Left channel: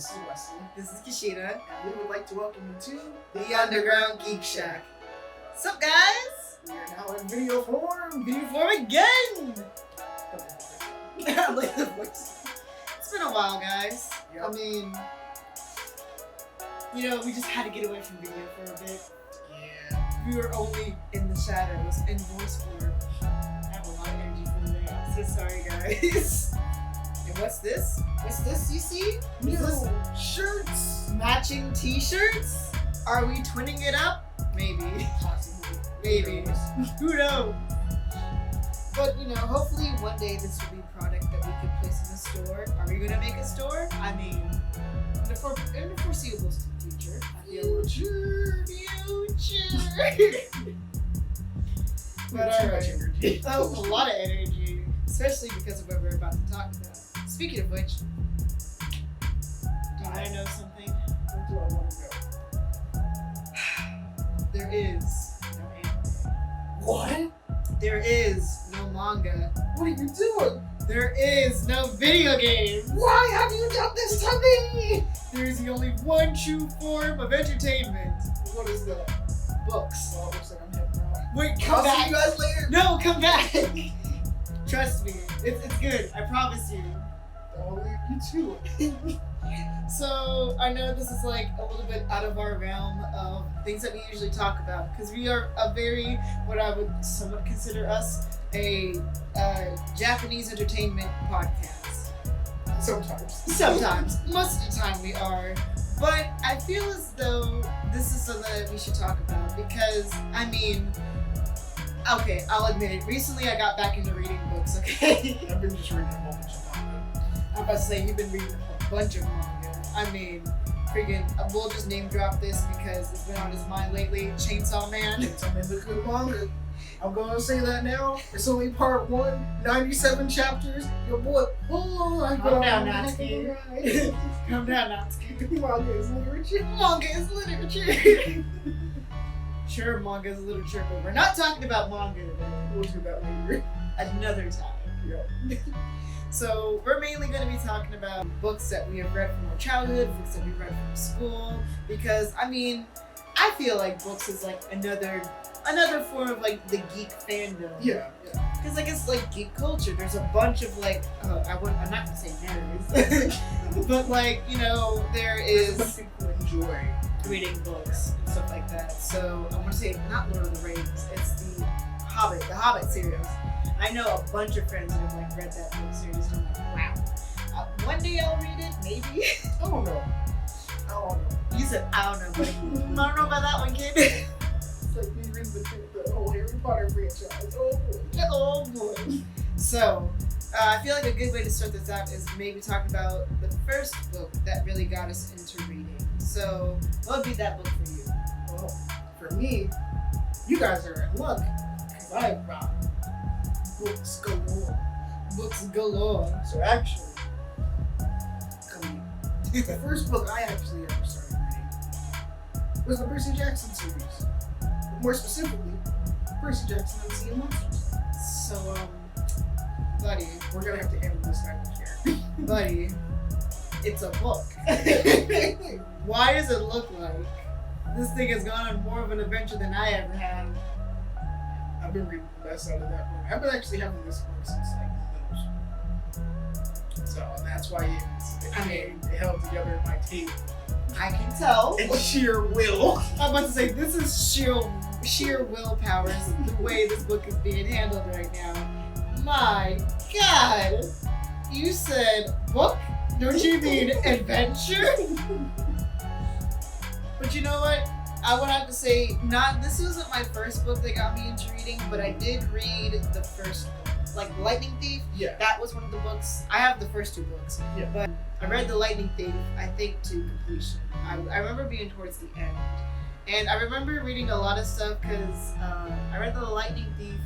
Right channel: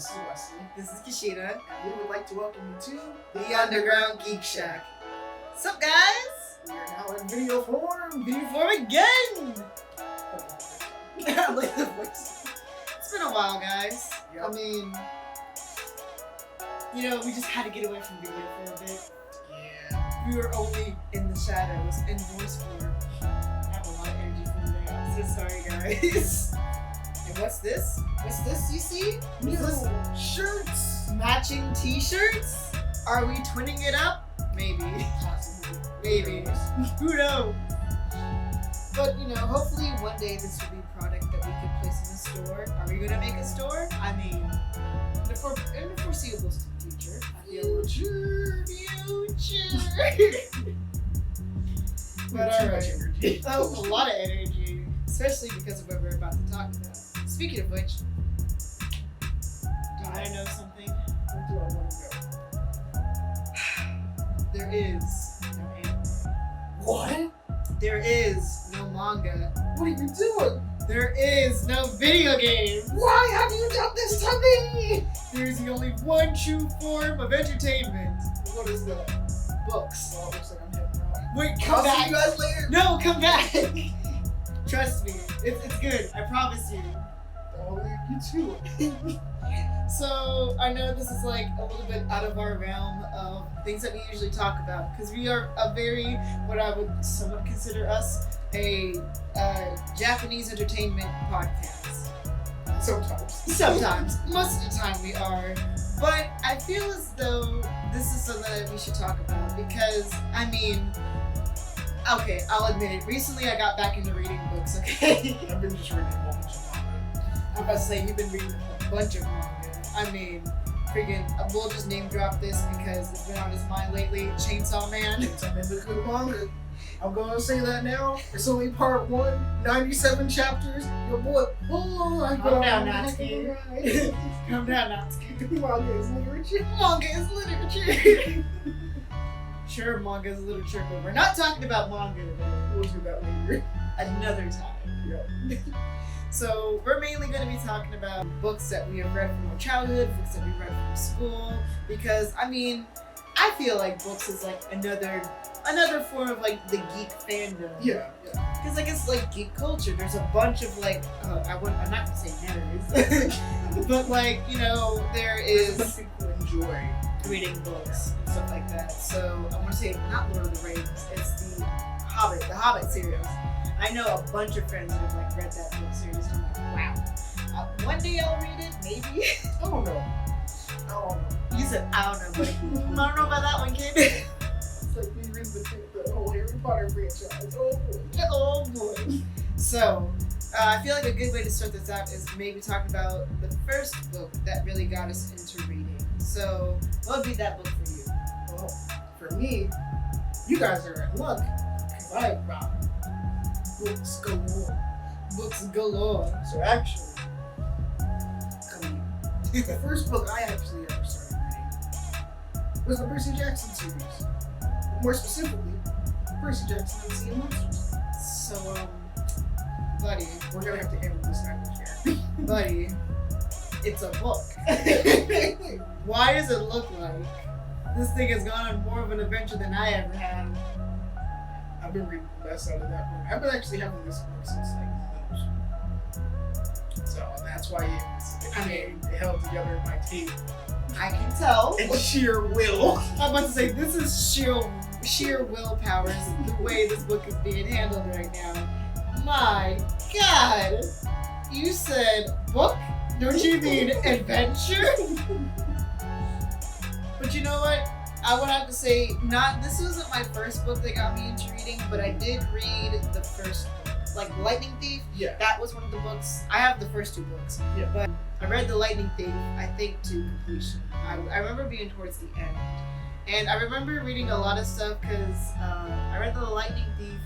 This is Wesley. This is Kashida. And we would like to welcome you to The Underground Geek Shack. What's up, guys? We are now in video form. Video form again! I like the voice. It's been a while, guys. Yep. I mean, you know, we just had to get away from video for a bit. Yeah. We were only in the shadows in voice form. I have a lot of energy for today. I'm so sorry, guys. And what's this? What's this you see? New Is this shirts. matching t-shirts? Are we twinning it up? Maybe. Possibly. Maybe. Who knows? But, you know, hopefully one day this will be a product that we could place in the store. Are we going to make a store? I mean, in the foreseeable future. I feel Future. But Too alright. much energy. Oh, a lot of energy. Especially because of what we're about to talk about. Speaking of which, do I know something? Where do I want to go? There is no anime. What? There is no manga. What are you doing? There is no video game. Why have you done this to me? There is the only one true form of entertainment. What is that? Books. Well, it looks like I'm heading out. Wait, come I'll see back. you guys later. No, come back. Trust me, it's good. I promise you. I'll leave you to it. So I know this is like a little bit out of our realm of things that we usually talk about because we are a very, what I would somewhat consider us, a Japanese entertainment podcast. Sometimes. Sometimes. Most of the time we are. But I feel as though this is something that we should talk about because, I mean, okay, I'll admit it. Recently I got back into reading books, okay? I've been just reading a whole bunch of manga. I'm about to say, you've been reading a bunch of manga. I mean, freaking, we'll just name drop this because it's been on his mind lately. Chainsaw Man. Chainsaw Man's a good manga. I'm gonna say that now. It's only part 1, 97 chapters. Your boy, Calm down, Natsuki. Calm down, Natsuki. Manga is literature. Manga is literature. Sure, manga is literature, but we're not talking about manga today. We'll do that later. Another time. Yeah. So we're mainly going to be talking about books that we have read from our childhood, books that we read from school, because I mean, I feel like books is like another form of like the geek fandom. Yeah. Because like it's like geek culture. There's a bunch of like, I'm not going to say nerds, but like, you know, there is Some people enjoy reading books and stuff like that. So I want to say not Lord of the Rings, it's the Hobbit series. I know a bunch of friends that have like read that book series and I'm like, wow. One day I'll read it, maybe. I don't know. You said, I don't know, but I don't know about that one, kid. It's like me reading the whole Harry Potter franchise. Oh boy. Oh boy. So, I feel like a good way to start this out is maybe talking about the first book that really got us into reading. So, what would be that book for you? Well, for me, you guys are in luck because I've got books galore. Books galore. So actually, the first book I actually ever started reading was the Percy Jackson series. More specifically, Percy Jackson and the Sea of Monsters. So, buddy, We're gonna have to handle this language here. buddy, it's a book. Why does it look like this thing has gone on more of an adventure than I ever have? I've been reading the best out of that book. I've been actually having this book since like middle school. So and that's why it held together in my tape. I can tell. And sheer will. I'm about to say, this is sheer willpower, the way this book is being handled right now. My God! You said book? Don't you mean adventure? But you know what? I would have to say, this wasn't my first book that got me into reading, but I did read the first book. Like Lightning Thief, Yeah. that was one of the books. I have the first 2 books, Yeah. but I read The Lightning Thief, I think, to completion. I remember being towards the end. And I remember reading a lot of stuff because I read The Lightning Thief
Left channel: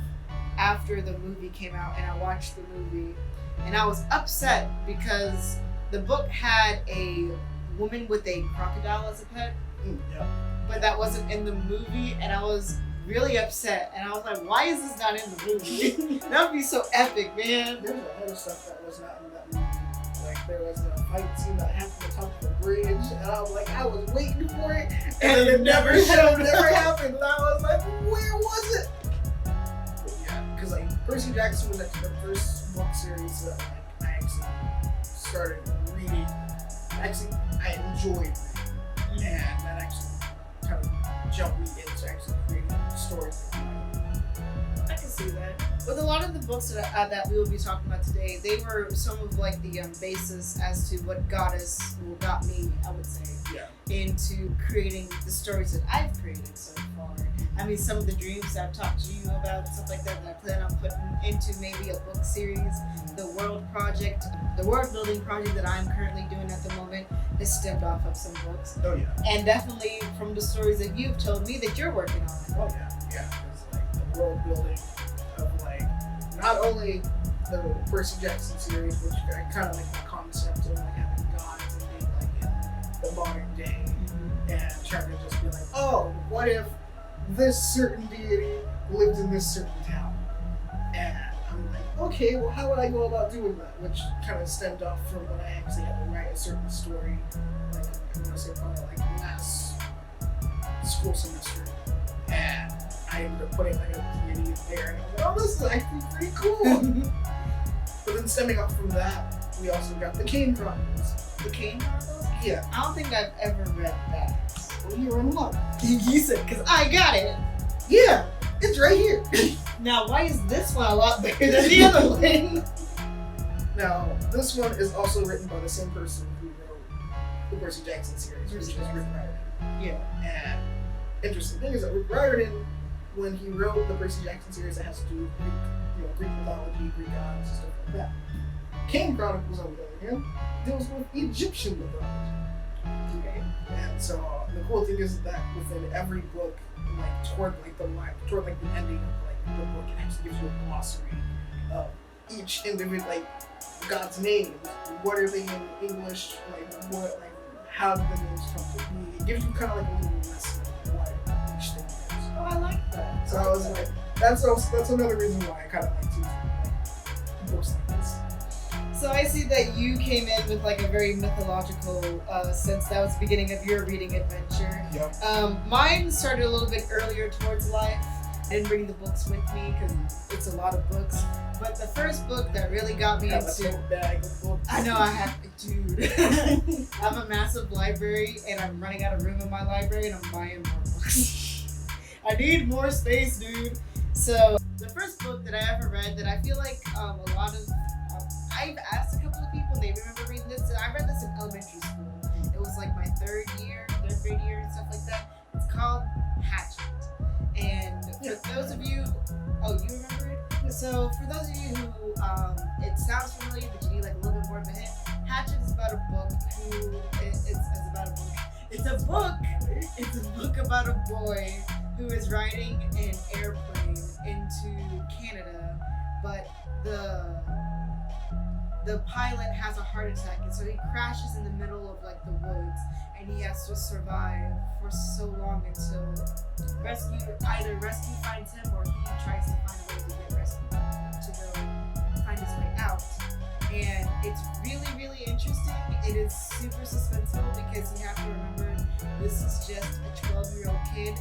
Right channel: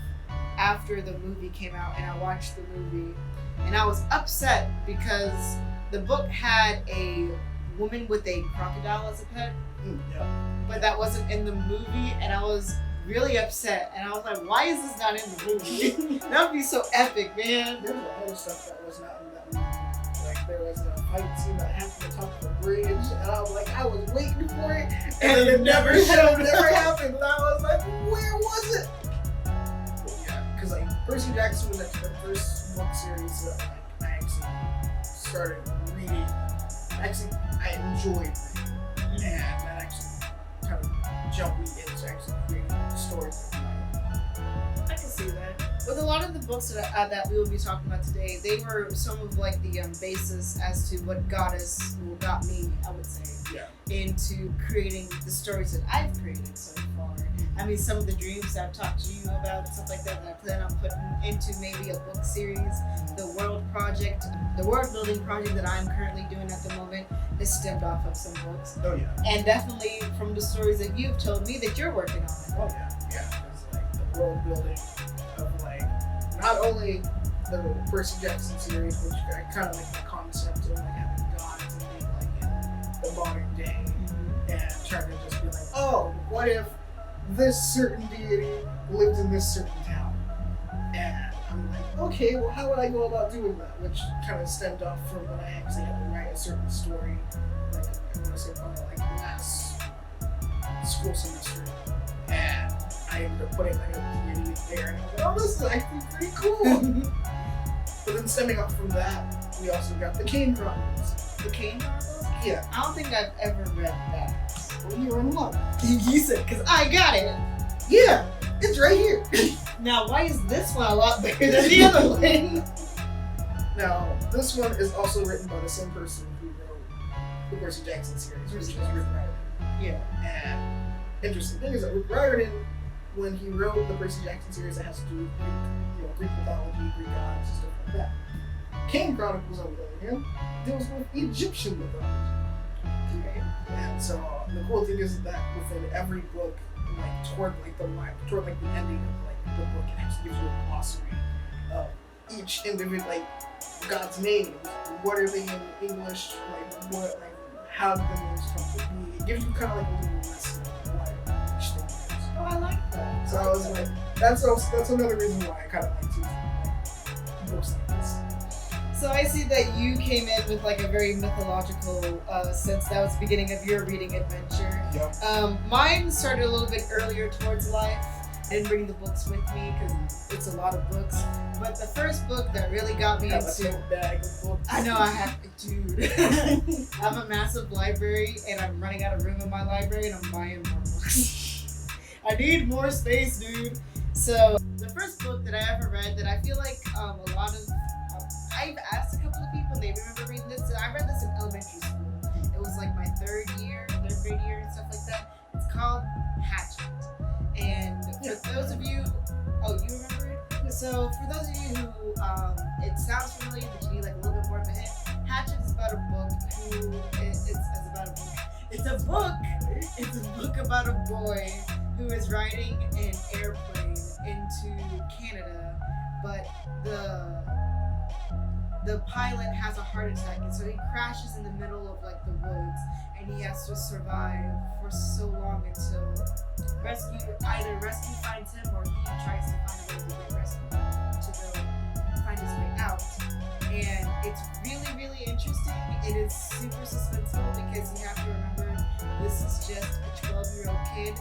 after the movie came out, and I watched the movie. And I was upset because the book had a woman with a crocodile as a pet, Yeah. but that wasn't in the movie, and I was really upset. And I was like, why is this not in the movie? That would be so epic, man. There's a lot of stuff that was not in that movie. Like there was a fight scene that happened on top of a bridge, and I was like, I was waiting for it, and then it never happened. And I was like, where was it? But yeah, because like Percy Jackson was like the first book series that like I actually started reading. Actually, I enjoyed reading, and that actually kind of jumped me into actually creating stories that I I can see that. With a lot of the books that we will be talking about today, they were some of like the basis as to what got me, I would say, into creating the stories that I've created so far. I mean, some of the dreams that I've talked to you about, stuff like that I plan on putting into maybe a book series. The world building project that I'm currently doing at the moment is stemmed off of some books. Oh yeah. And definitely from the stories that you've told me that you're working on. Oh yeah. Because like the world building of like not only the Percy Jackson series, which I kind of like the concept of like having gods and being like in the modern day, and trying to just be like, oh, what if this certain deity lived in this certain town? And I'm like, okay, well, how would I go about doing that? Which kind of stemmed off from when I actually had to write a certain story, like I'm gonna say probably like last school semester, and I ended up putting like a deity there, and I was like, oh, this is actually pretty cool. But then stemming off from that, we also got the Kane Chronicles. The Kane Chronicles? Yeah. I don't think I've ever read that. Well, you're in luck. You said, because I got it. Yeah, it's right here. Now, why is this one a lot better than the other one? Now, this one is also written by the same person who wrote the Percy Jackson series, which is Rick Riordan. Yeah. And interesting thing is that Rick Riordan, when he wrote the Percy Jackson series that has to do with Greek mythology, Greek gods, and stuff like that. Kane Chronicles, on the other hand, deals with Egyptian mythology. Okay. And so the cool thing is that within every book, like toward the ending of like the book, it actually gives you a glossary of each individual, like God's names. What are they in English? How did the names come to be? It gives you kind of like a little lesson of what each thing is. Oh, I like that. So I was like, that's another reason why I kind of like to like books like this. So I see that you came in with like a very mythological sense. That was the beginning of your reading adventure. Yep. Mine started a little bit earlier towards life. I didn't bring the books with me because it's a lot of books. But the first book that really got me into a bag of books. I know I have, dude. I have a massive library and I'm running out of room in my library and I'm buying more books. I need more space, dude. So the first book that I ever read that I feel like a lot of I've asked a couple of people and they remember reading this. I read this in elementary school. It was like my third grade year and stuff like that. It's called Hatchet. And for those of you, you remember it? Yeah. So for those of you who, it sounds familiar, but you need like a little bit more of a hint. Hatchet is about a book It's a book about a boy who is riding an airplane into Canada, but the pilot has a heart attack, and so he crashes in the middle of like the woods, and he has to survive for so long until either rescue finds him or he tries to find a way to get rescued to go find his way out. And it's really, really interesting. It is super suspenseful because you have to remember this is just a 12-year-old kid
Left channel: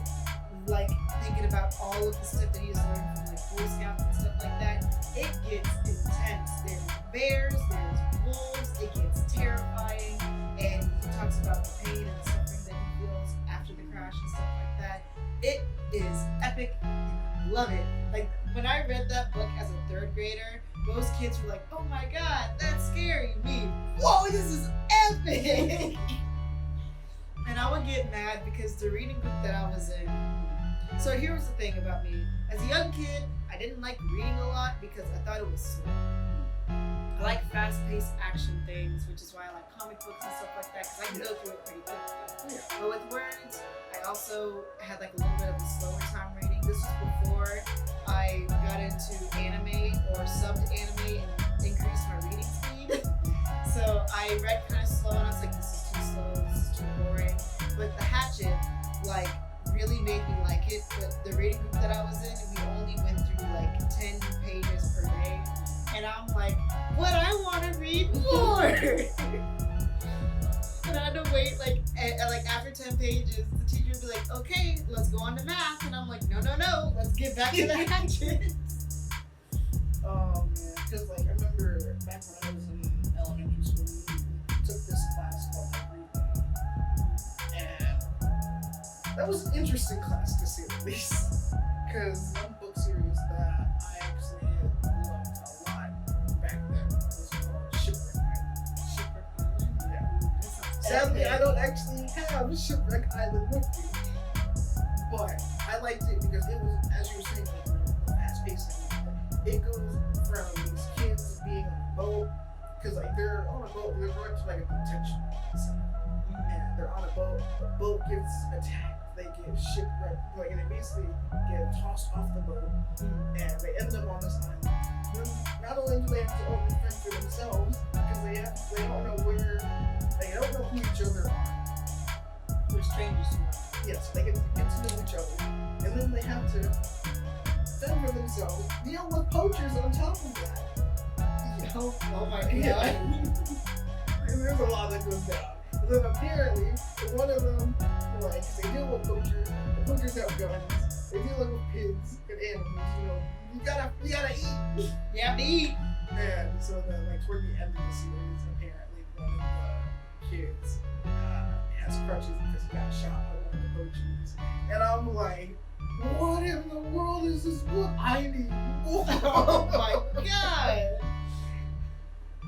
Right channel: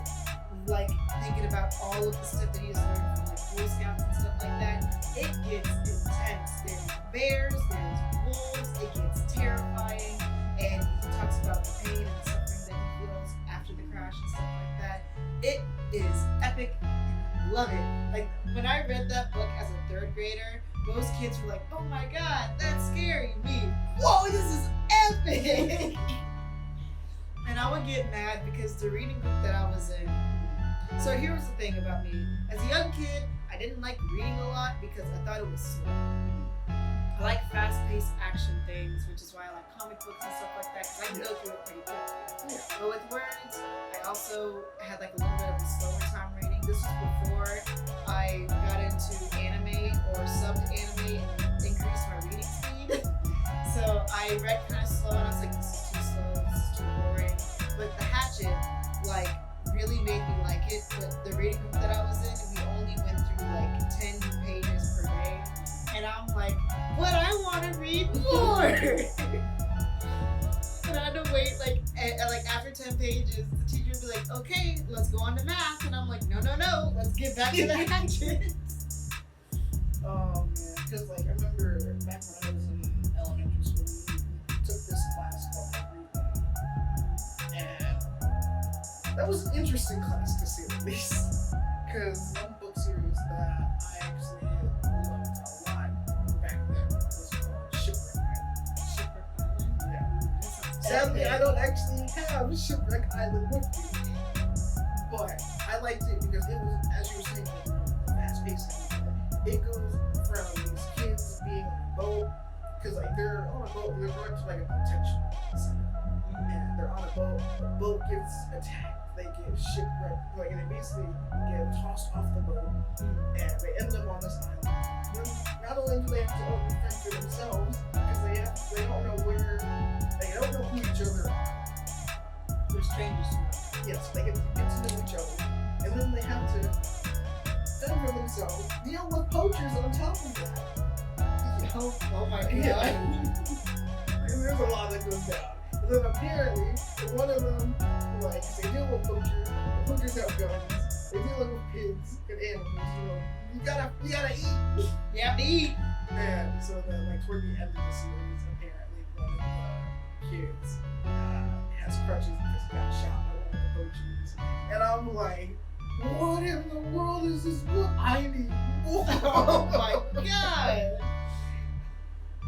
like thinking about all of the stuff that he has learned from like Boy Scouts and stuff like that. It gets intense. There's bears, there's wolves, it gets terrifying, and he talks about the pain and the suffering that he feels after the crash and stuff like that. It is epic. I love it. Like when I read that book as a third grader, most kids were like, oh my god, that's scary. Me, whoa, this is epic. And I would get mad because the reading group that I was in. So here was the thing about me. As a young kid, I didn't like reading a lot because I thought it was slow. I like fast-paced action things, which is why I like comic books and stuff like that, because I can go through it pretty quickly. Yeah. But with words, I also had like a little bit of a slower time reading. This was before I got into anime or subbed anime and increased my reading speed. So I read kind of slow, and I was like, this is too slow, this is too boring. But the Hatchet, like, really made me like it. But the reading group that I was in, we only went through like 10 pages per day. And I'm like, but I want to read more. And I had to wait like after 10 pages, the teacher would be like, okay, let's go on to math. And I'm like, no, let's get back to the hatchet. Oh man, because like I remember back when I was in elementary school, we took this class called like reading, and that was an interesting class to say the least. Because one book series that I actually loved a lot back then was called Shipwreck Island. Shipwreck Island? Yeah. That sounds Sadly, epic. I don't actually have Shipwreck Island with me, but I liked it because it was, as you were saying, like, the fast paced thing. It goes from these kids being on a boat, because like they're on a boat, they're going to like a detention center, and they're on a boat. The boat gets attacked, they get shipwrecked, like, and they basically get tossed off the boat, and they end up on this island. Then not only do they have to only fend for themselves, because they don't know who each other are. They're strangers to us. Yes, they get to know each other, and then they have to fend for themselves, deal with poachers on top of that. Oh my god. Yeah. And there's a lot that goes down. And then apparently, one of them, like, 'cause they deal with poachers, the poachers have guns, they deal with pigs and animals, you gotta eat. You have to eat. And so then, like, toward the end of the series, apparently one of the kids has crutches because he got shot by one of the poachers. And I'm like, what in the world is this book? I need more. Oh my god.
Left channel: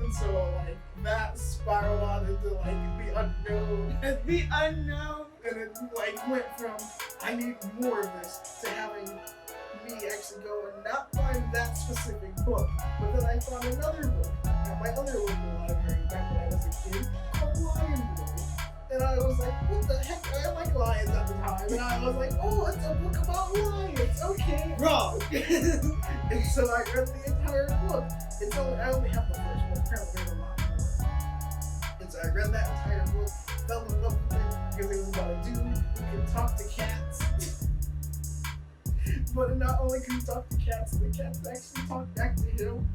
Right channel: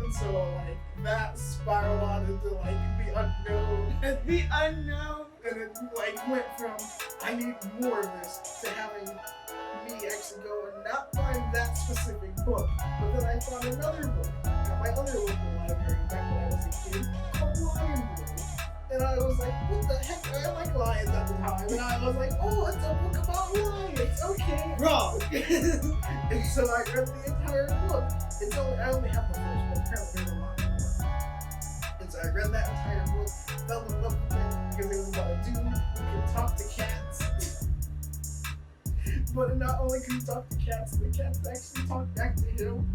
And so, like, that spiraled out into, like, the unknown. The unknown. And it, like, went from, I need more of this, to having me actually go and not find that specific book. But then I found another book at my other local library back when I was a kid called Lion Boy. And I was like, what the heck? I like lions at the time. And I was like, oh, it's a book about lions. Okay. Wrong. And so I read the entire book. I only have the first book. Apparently there's a lot more. And so I read that entire book, fell in love with it because it was about a dude who could talk to cats. But not only could he talk to cats, the cats actually talked back to him.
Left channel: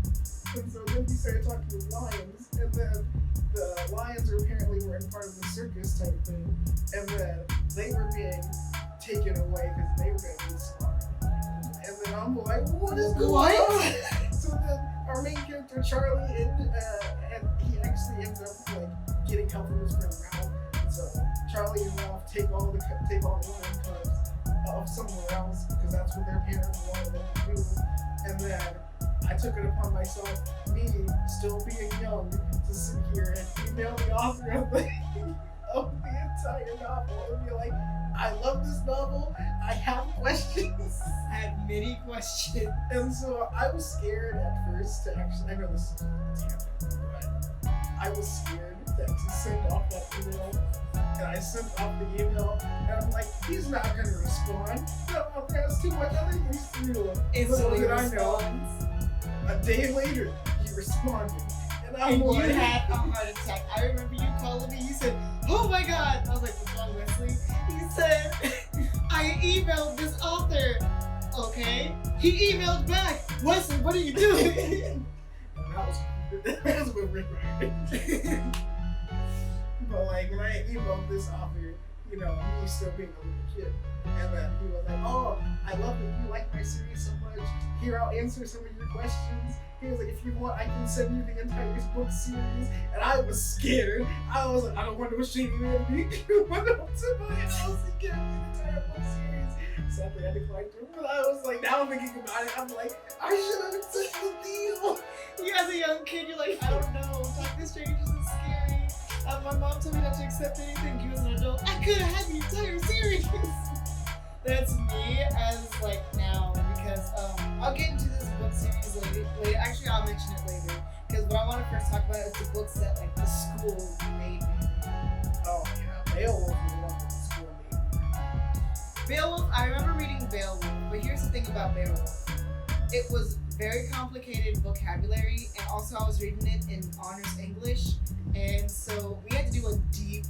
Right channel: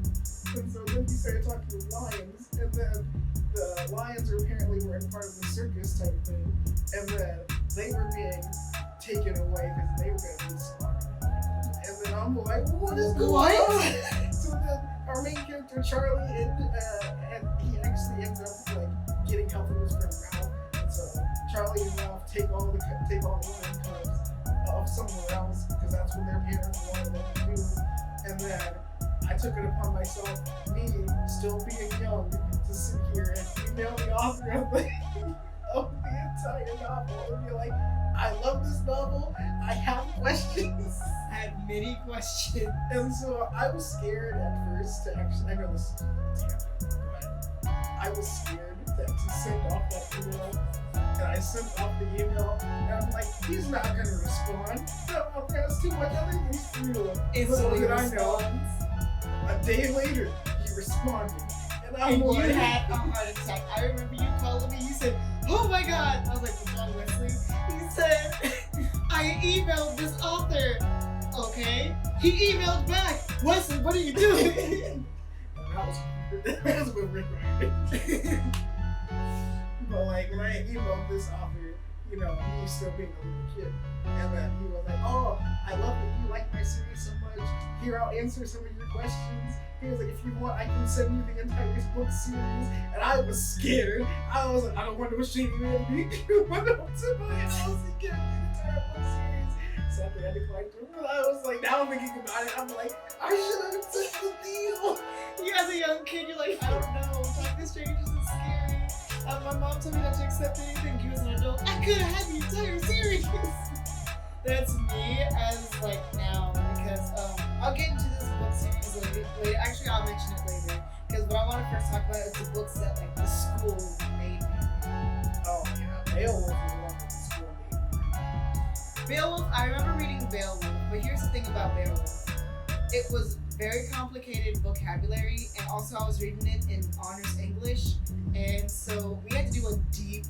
And so then he started talking to lions. And then the lions apparently were in part of the circus type thing. And then they were being taken away because they were going to be slaughtered. And then I'm like, what is going on? So then our main character Charlie and he actually ends up like getting help from his friend Ralph. And so Charlie and Ralph take all the lion cubs off somewhere else because that's what their parents wanted them to do. And then I took it upon myself, me still being young, to sit here and email the author of the entire novel and be like, I love this novel. I have questions. I had many questions. And so I was scared at first to actually, I know this is tangent, but I was scared to actually send off that email. And I sent off the email, and I'm like, he's not going to respond. That author has too much other things to do. Instantly Little did I know, responds. a day later, he responded. And I'm And like, you had a heart attack. I remember you calling me. You said, "Oh my God!" I was like, "What's wrong, Wesley?" He said, "I emailed this author." Okay. He emailed back. Wesley, what are you doing? that was a bit rick-rack. But like when I emailed this author, you know, me still being a little kid, and then he was like, "Oh, I love that you like my series so much. Here, I'll answer some of your questions." He was like, "If you want, I can send you the entire book series." And I was scared. I was like, "I don't want no shady man to be. You went up to my house and gave me the entire book series." Sadly, I declined to. But I was like, now I'm thinking about it. I'm like, I should have accepted the deal. You as a young kid, you're like, I don't know. Talking to strangers is scary. My mom told me not to accept anything. You as an adult, I could have had the entire series. That's me as like now because I'll get into this book series later. Actually, I'll mention it later because what I want to first talk about is the books that like the school made me read. Oh yeah, Beowulf was one that the school made me read. Beowulf, I remember reading Beowulf, but here's the thing about Beowulf. It was very complicated vocabulary, and also I was reading it in honors English, and so we had to do a deep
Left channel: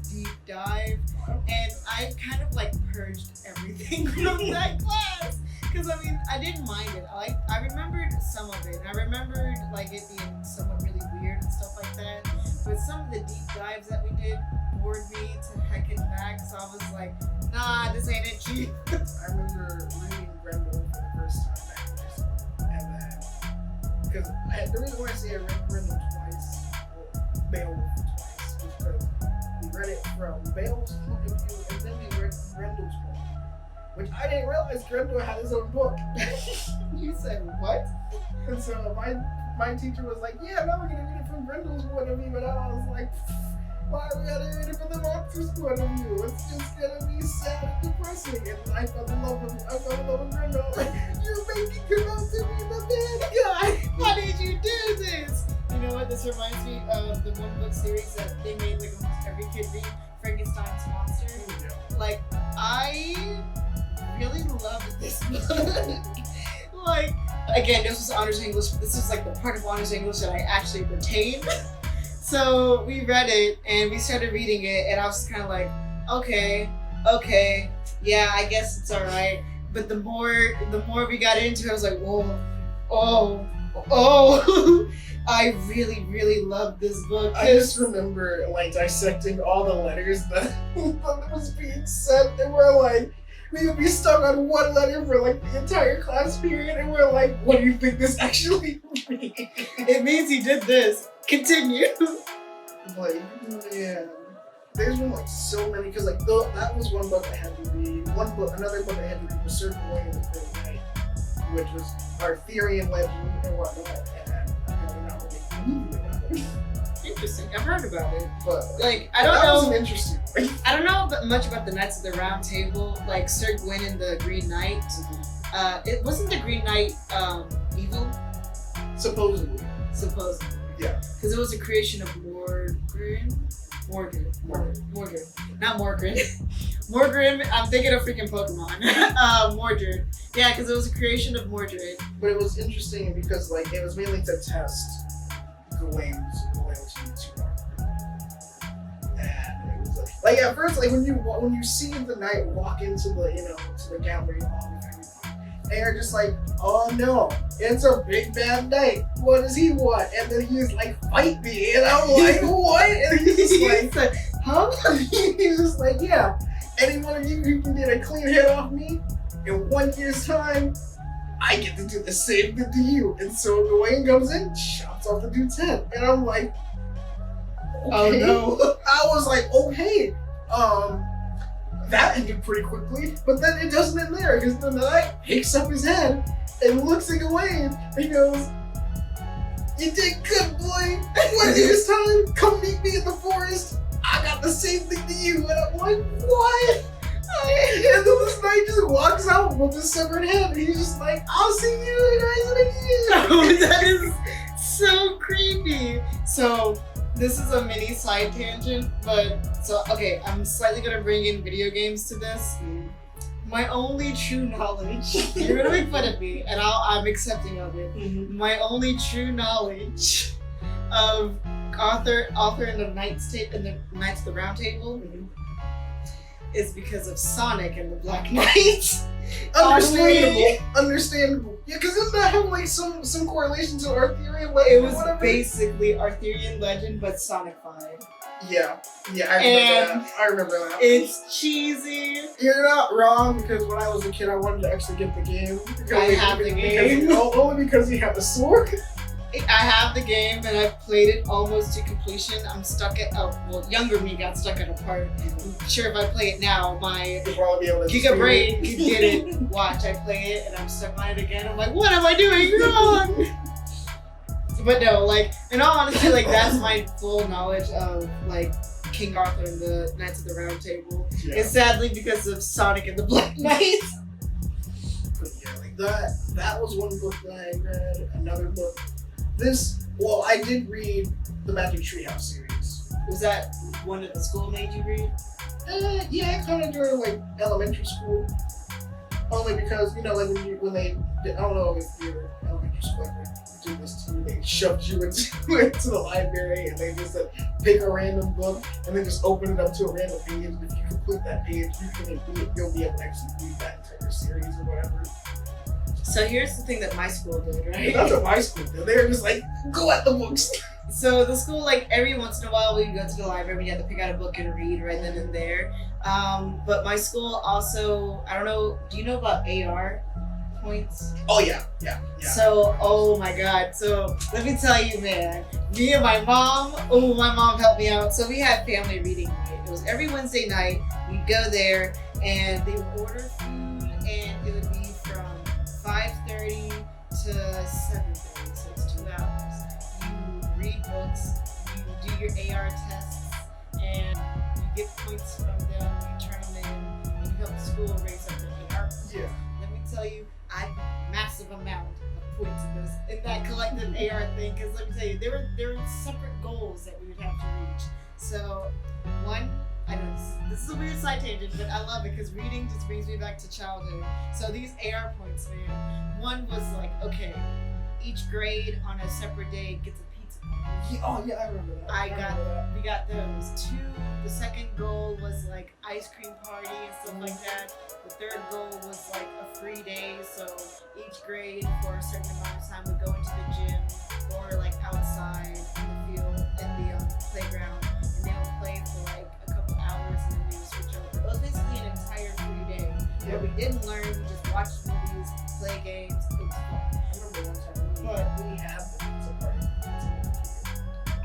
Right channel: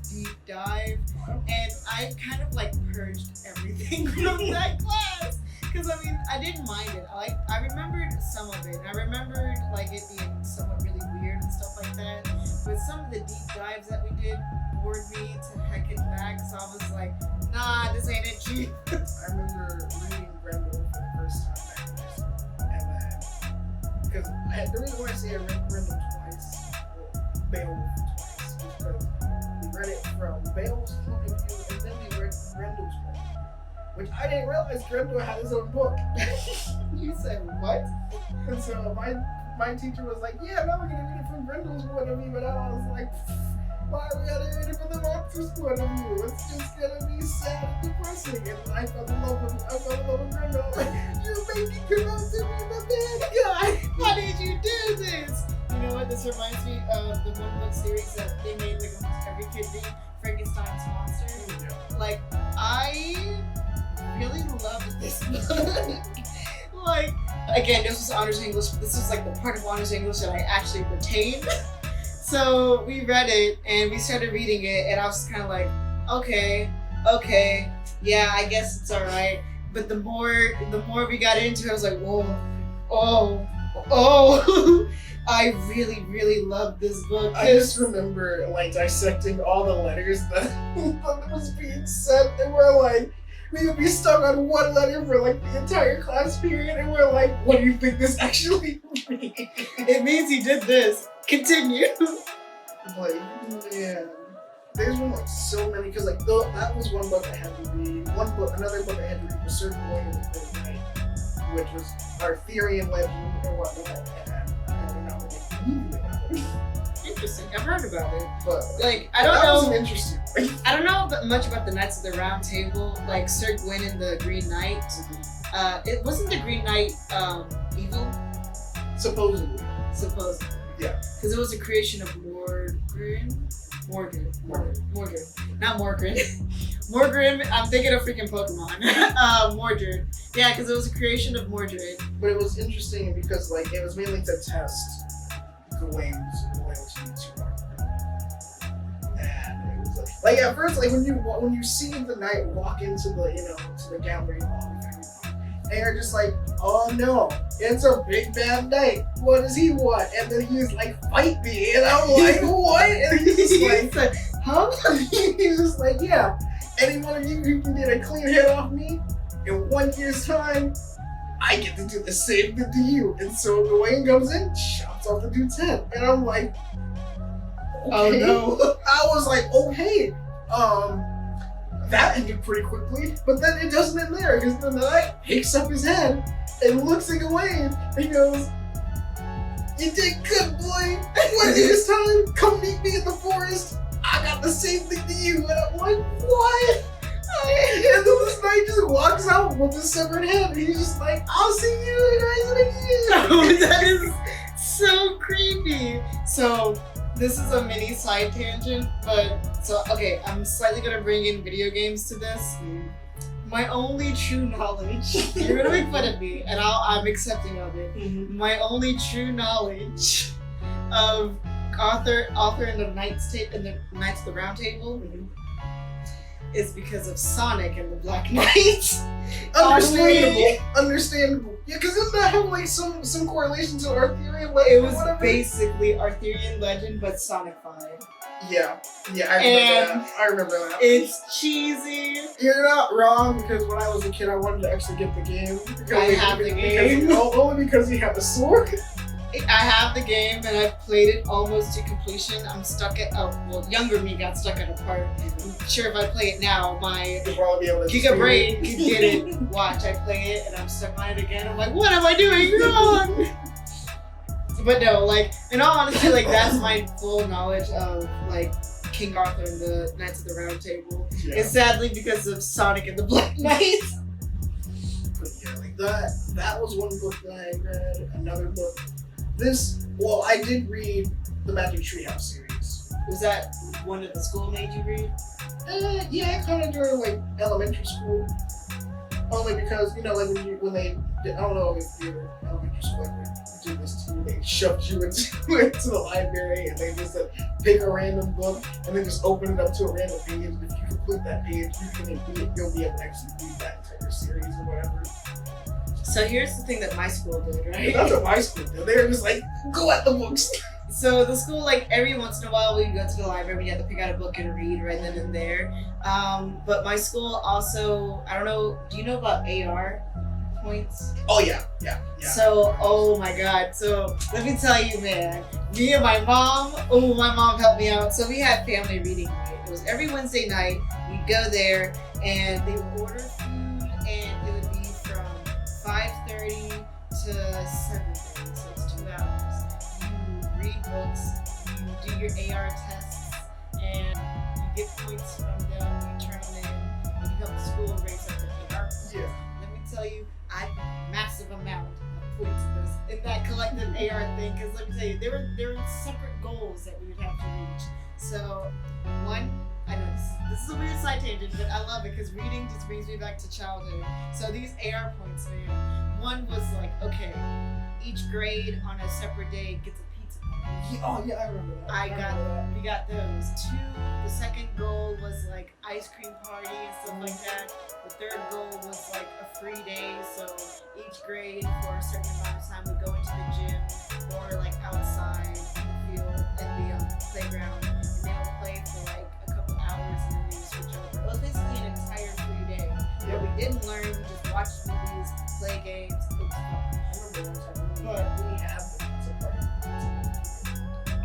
dive, and I kind of like purged everything from that class. Because I mean, I didn't mind it. I remembered some of it. I remembered like it being somewhat really weird and stuff like that. But some of the deep dives that we did bored me to heck and back. So I was like, nah, this ain't it, Chief. I remember reading Grendel for the first time back in high school, and then because the reason why I say I read Grendel twice, well, Beowulf twice, was because we read it from Beowulf's point of view, and then we read Grendel's point of view, which I didn't realize Grendel had his own book. You said what? And so my teacher was like, yeah, now we're gonna read it from Grendel's point of view, and I was like, why are we gonna read it from the monster's point of view? It's just gonna be sad and depressing. And I fell in love with Grendel. Like, you made me come out to be the bad guy. How did you do this? You know what? This reminds me of the one book series that they made like almost every kid read, Frankenstein's Monster. Yeah. Like, I really loved this book. Like, again, this was honors English. This was like the part of honors English that I actually retained. So we read it and we started reading it, and I was kind of like, okay, yeah, I guess it's all right. But the more we got into it, I was like, oh, I really loved this book. I just remember like dissecting all the letters that was being sent, and we're like, we would be stuck on one letter for like the entire class period, and we're like, what do you think this actually means? It means he did this. Continue. Like, man, there's been like so many, because like that was one book I had to read. Another book I had to read was Circle Away in the Great Night, which was Arthurian legend and whatnot, and I don't know, a movie about it. Interesting. I've heard about it, But like I don't that was know. an interesting one. I don't know much about the Knights of the Round Table, like Sir Gawain and the Green Knight. It wasn't the Green Knight evil, Supposedly. Yeah. Because it was a creation of Morgan, not Morgan. Morgan, I'm thinking of freaking Pokemon. Mordred. Yeah, because it was a creation of Mordred. But it was interesting because like it was mainly to test Gawain's loyalty to Arthur. And it was like at first, like when you see the knight walk into the to the gallery hall with everyone, and you're just like, oh no, it's a big bad knight. What does he want? And then he's like, fight me, and I'm like, what? And he's just like, huh? He's just like, yeah. Any one of you who can get a clean head off me in 1 year's time, I get to do the same thing to you. And so Gawain comes in, chops off the dude's head. And I'm like, okay. Oh no. I was like, okay. That ended pretty quickly. But then it doesn't end there, because the knight picks up his head and looks at Gawain and goes, you did good, boy. 1 year's time, come meet me in the forest. I got the same thing to you. And I'm like, what? And then this knight just walks out with his severed head, and he's just like, I'll see you guys in a year. Oh, that is so creepy. So this is a mini side tangent, but okay, I'm slightly gonna bring in video games to this. My only true knowledge, you're gonna make fun of me, and I'm accepting of it. Mm-hmm. My only true knowledge of author in the Knights of the Round Table is because of Sonic and the Black Knight. Understandable. Yeah, because doesn't that have like some correlation to Arthurian legend? It was basically Arthurian legend, but Sonicified. Yeah, I remember that. It's cheesy. You're not wrong, because when I was a kid, I wanted to actually get the game. I have the game. Only because he had the sword. I have the game, and I've played it almost to completion. I'm stuck at younger me got stuck at a part. I'm sure if I play it now, my You'll probably be able to Giga brain could get it. Watch, I play it, and I'm stuck on it again. I'm like, what am I doing wrong? But no, like, in all honesty, like, that's my full knowledge of, like, King Arthur and the Knights of the Round Table. Yeah. And sadly, because of Sonic and the Black Knight. But yeah, like that was one book that I read. Another book. I did read the Magic Treehouse series. Was that one that the school made you read? Yeah, kind of during like elementary school. Only because like when they I don't know if you're elementary school, like do this to you. They shoved you into the library and they just said, pick a random book and then just open it up to a random page. And if you complete that page, you'll be able to actually read that entire series or whatever. So here's the thing that my school did, right? That's what my school did. They were just like, go at the books. So the school, like every once in a while, we'd go to the library. We had to pick out a book and read right then and there. But my school also, I don't know. Do you know about AR points? Oh yeah. So, oh my God. So let me tell you, man. Me and my mom. Oh, my mom helped me out. So we had family reading night. It was every Wednesday night. We'd go there, and they would order food, and it would be from 5:30 to 7:30. So it's 2 hours. Read books, you do your AR tests, and you get points from them, you turn them in, and you help the school raise up their AR points. Yeah. Let me tell you, I got a massive amount of points in that collective AR thing, because let me tell you, there were separate goals that we would have to reach. So, one, I know this is a weird side tangent, but I love it because reading just brings me back to childhood. So these AR points, man, one was like, okay, each grade on a separate day gets a pizza party. Oh yeah, I remember that. We got those. 2, the second goal was like ice cream party and stuff like that. The third goal was like a free day, so each grade for a certain amount of time would go into the gym or like outside in the field, in the playground, and they would play for like a couple hours and then we would switch over. It was basically an entire free day where we didn't learn, we just watched movies, play games. It was fun. I remember one time we had the pizza party.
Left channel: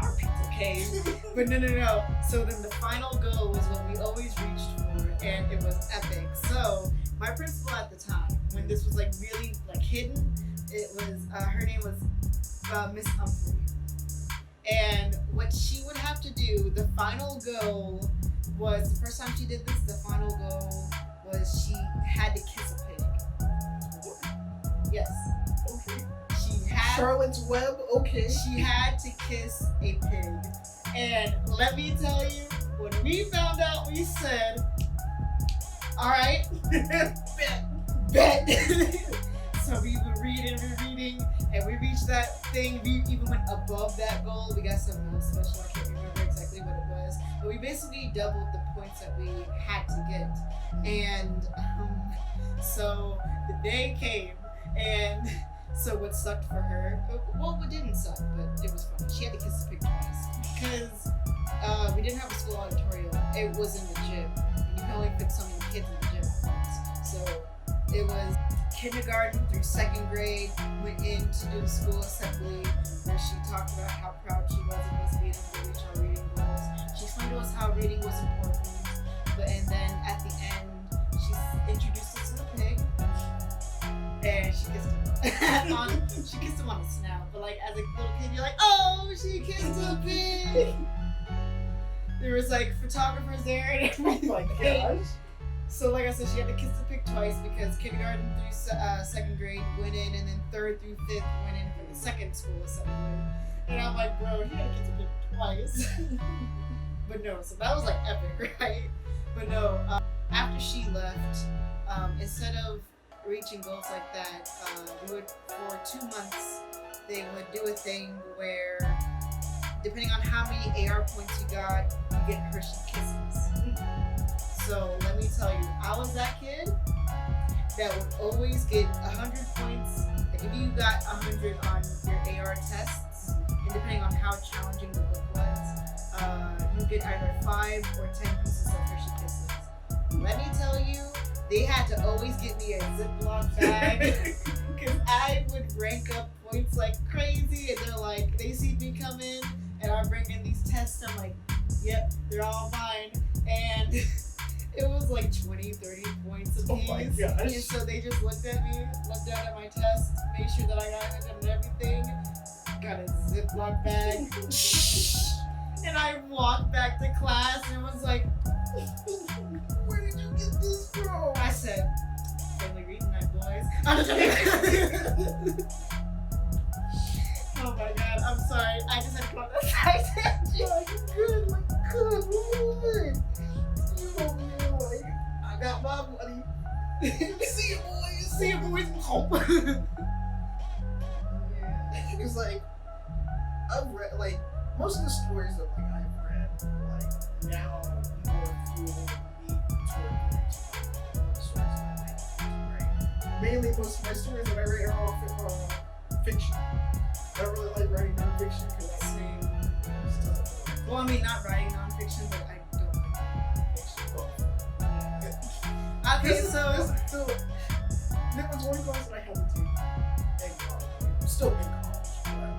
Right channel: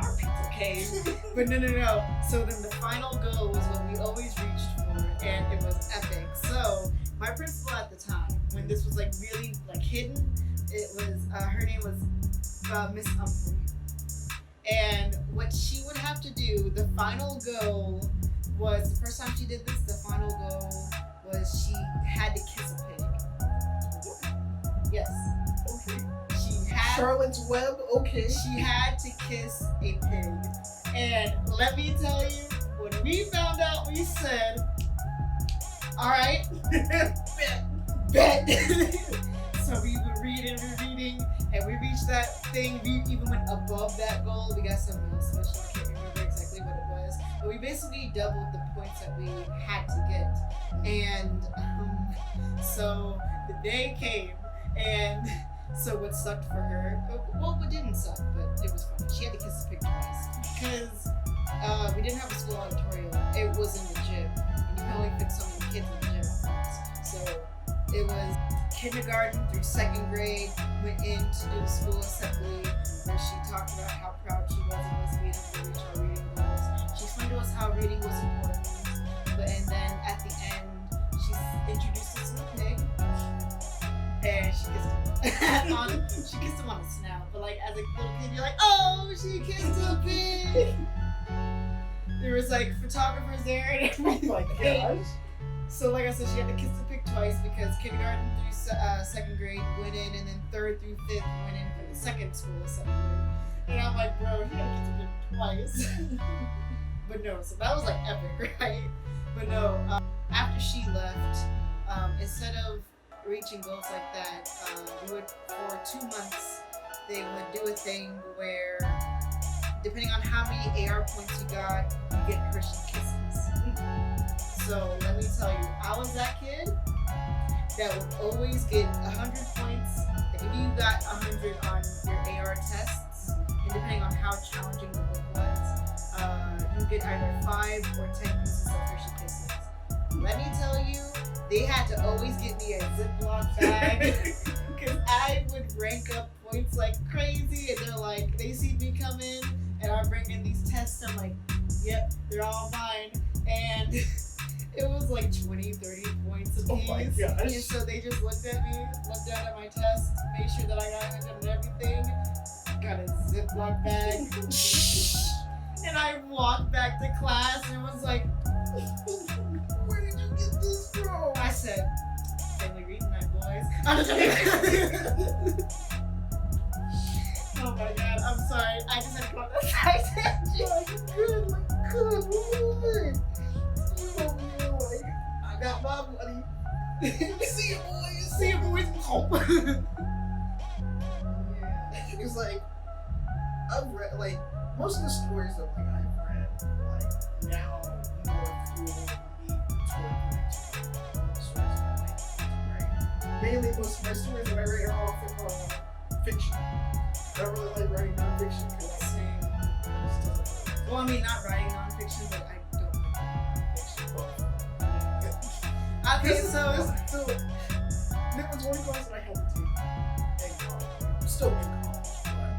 Our pizza cave. But no. So then the final goal was what we always reached for, and it was epic. So my principal at the time, when this was like really like hidden, it was her name was Miss Humphrey. And what she would have to do, the final goal was, the first time she did this, the final goal was she had to kiss a pig. Yes. Okay. She had Charlotte's Web, okay. She had to kiss a pig. And let me tell you, when we found out, we said, all right, bet. So we were reading, and we reached that thing. We even went above that goal. We got something else special. I can't remember exactly what it was. But we basically doubled the points that we had to get. And so the day came, and so what sucked for her, well, it didn't suck, but it was funny. She had to kiss the pig twice because we didn't have a school auditorium. It was in the gym, and you can only fit so many kids in the gym at once. So it was kindergarten through 2nd grade, went in to do the school assembly where she talked about how proud she was of us being able to reach our reading goals. She explained to us how reading was important, and then at the end, she introduced us to the pig, and she kissed him. She kissed him on the snout, but like as a little kid, you're like, oh, she kissed a pig. There was like photographers there and everything. Oh my gosh. So like I said, she had to kiss the pig twice because kindergarten through 2nd grade went in, and then 3rd through 5th went in for the second school assembly. And I'm like, bro, you had to kiss the pig twice. But no, so that was like epic, right? But no, after she left, instead of reaching goals like that, we would, for 2 months, they would do a thing where, depending on how many AR points you got, you get Hershey Kisses. So let me tell you, I was that kid that would always get 100 points. Like if you got 100 on your AR tests, and depending on how challenging the book was, you get either 5 or 10 pieces of Hershey Kisses. Let me tell you, they had to always get me a Ziploc bag because I would rank up points like crazy, and they're like, they see me come in and I bring in these tests, I'm like, yep, they're all mine. And it was like 20, 30 points a piece. Oh my gosh. And so they just looked at me, looked down at my test, made sure that I got 100 and everything, got a Ziploc bag, and I walked back to class and was like, where did you get this from? I said, family reading night, boys. Oh my god, I'm sorry. I just had to go on that side tangent. Good, like, good, moving. You over here, like, I got my money. See you, boys. See you, boys. Yeah. because like I've read like most of the stories that like I've read like now more fuel me toward going to like the stories that I like to write. Mainly, most of my stories that I write are all fiction. I don't really like writing nonfiction because I Same. just doesn't feel right. Well, I mean, not writing nonfiction, but I don't like writing nonfiction. Yeah. Okay, so there was one class that I had to take in college. Still in college, but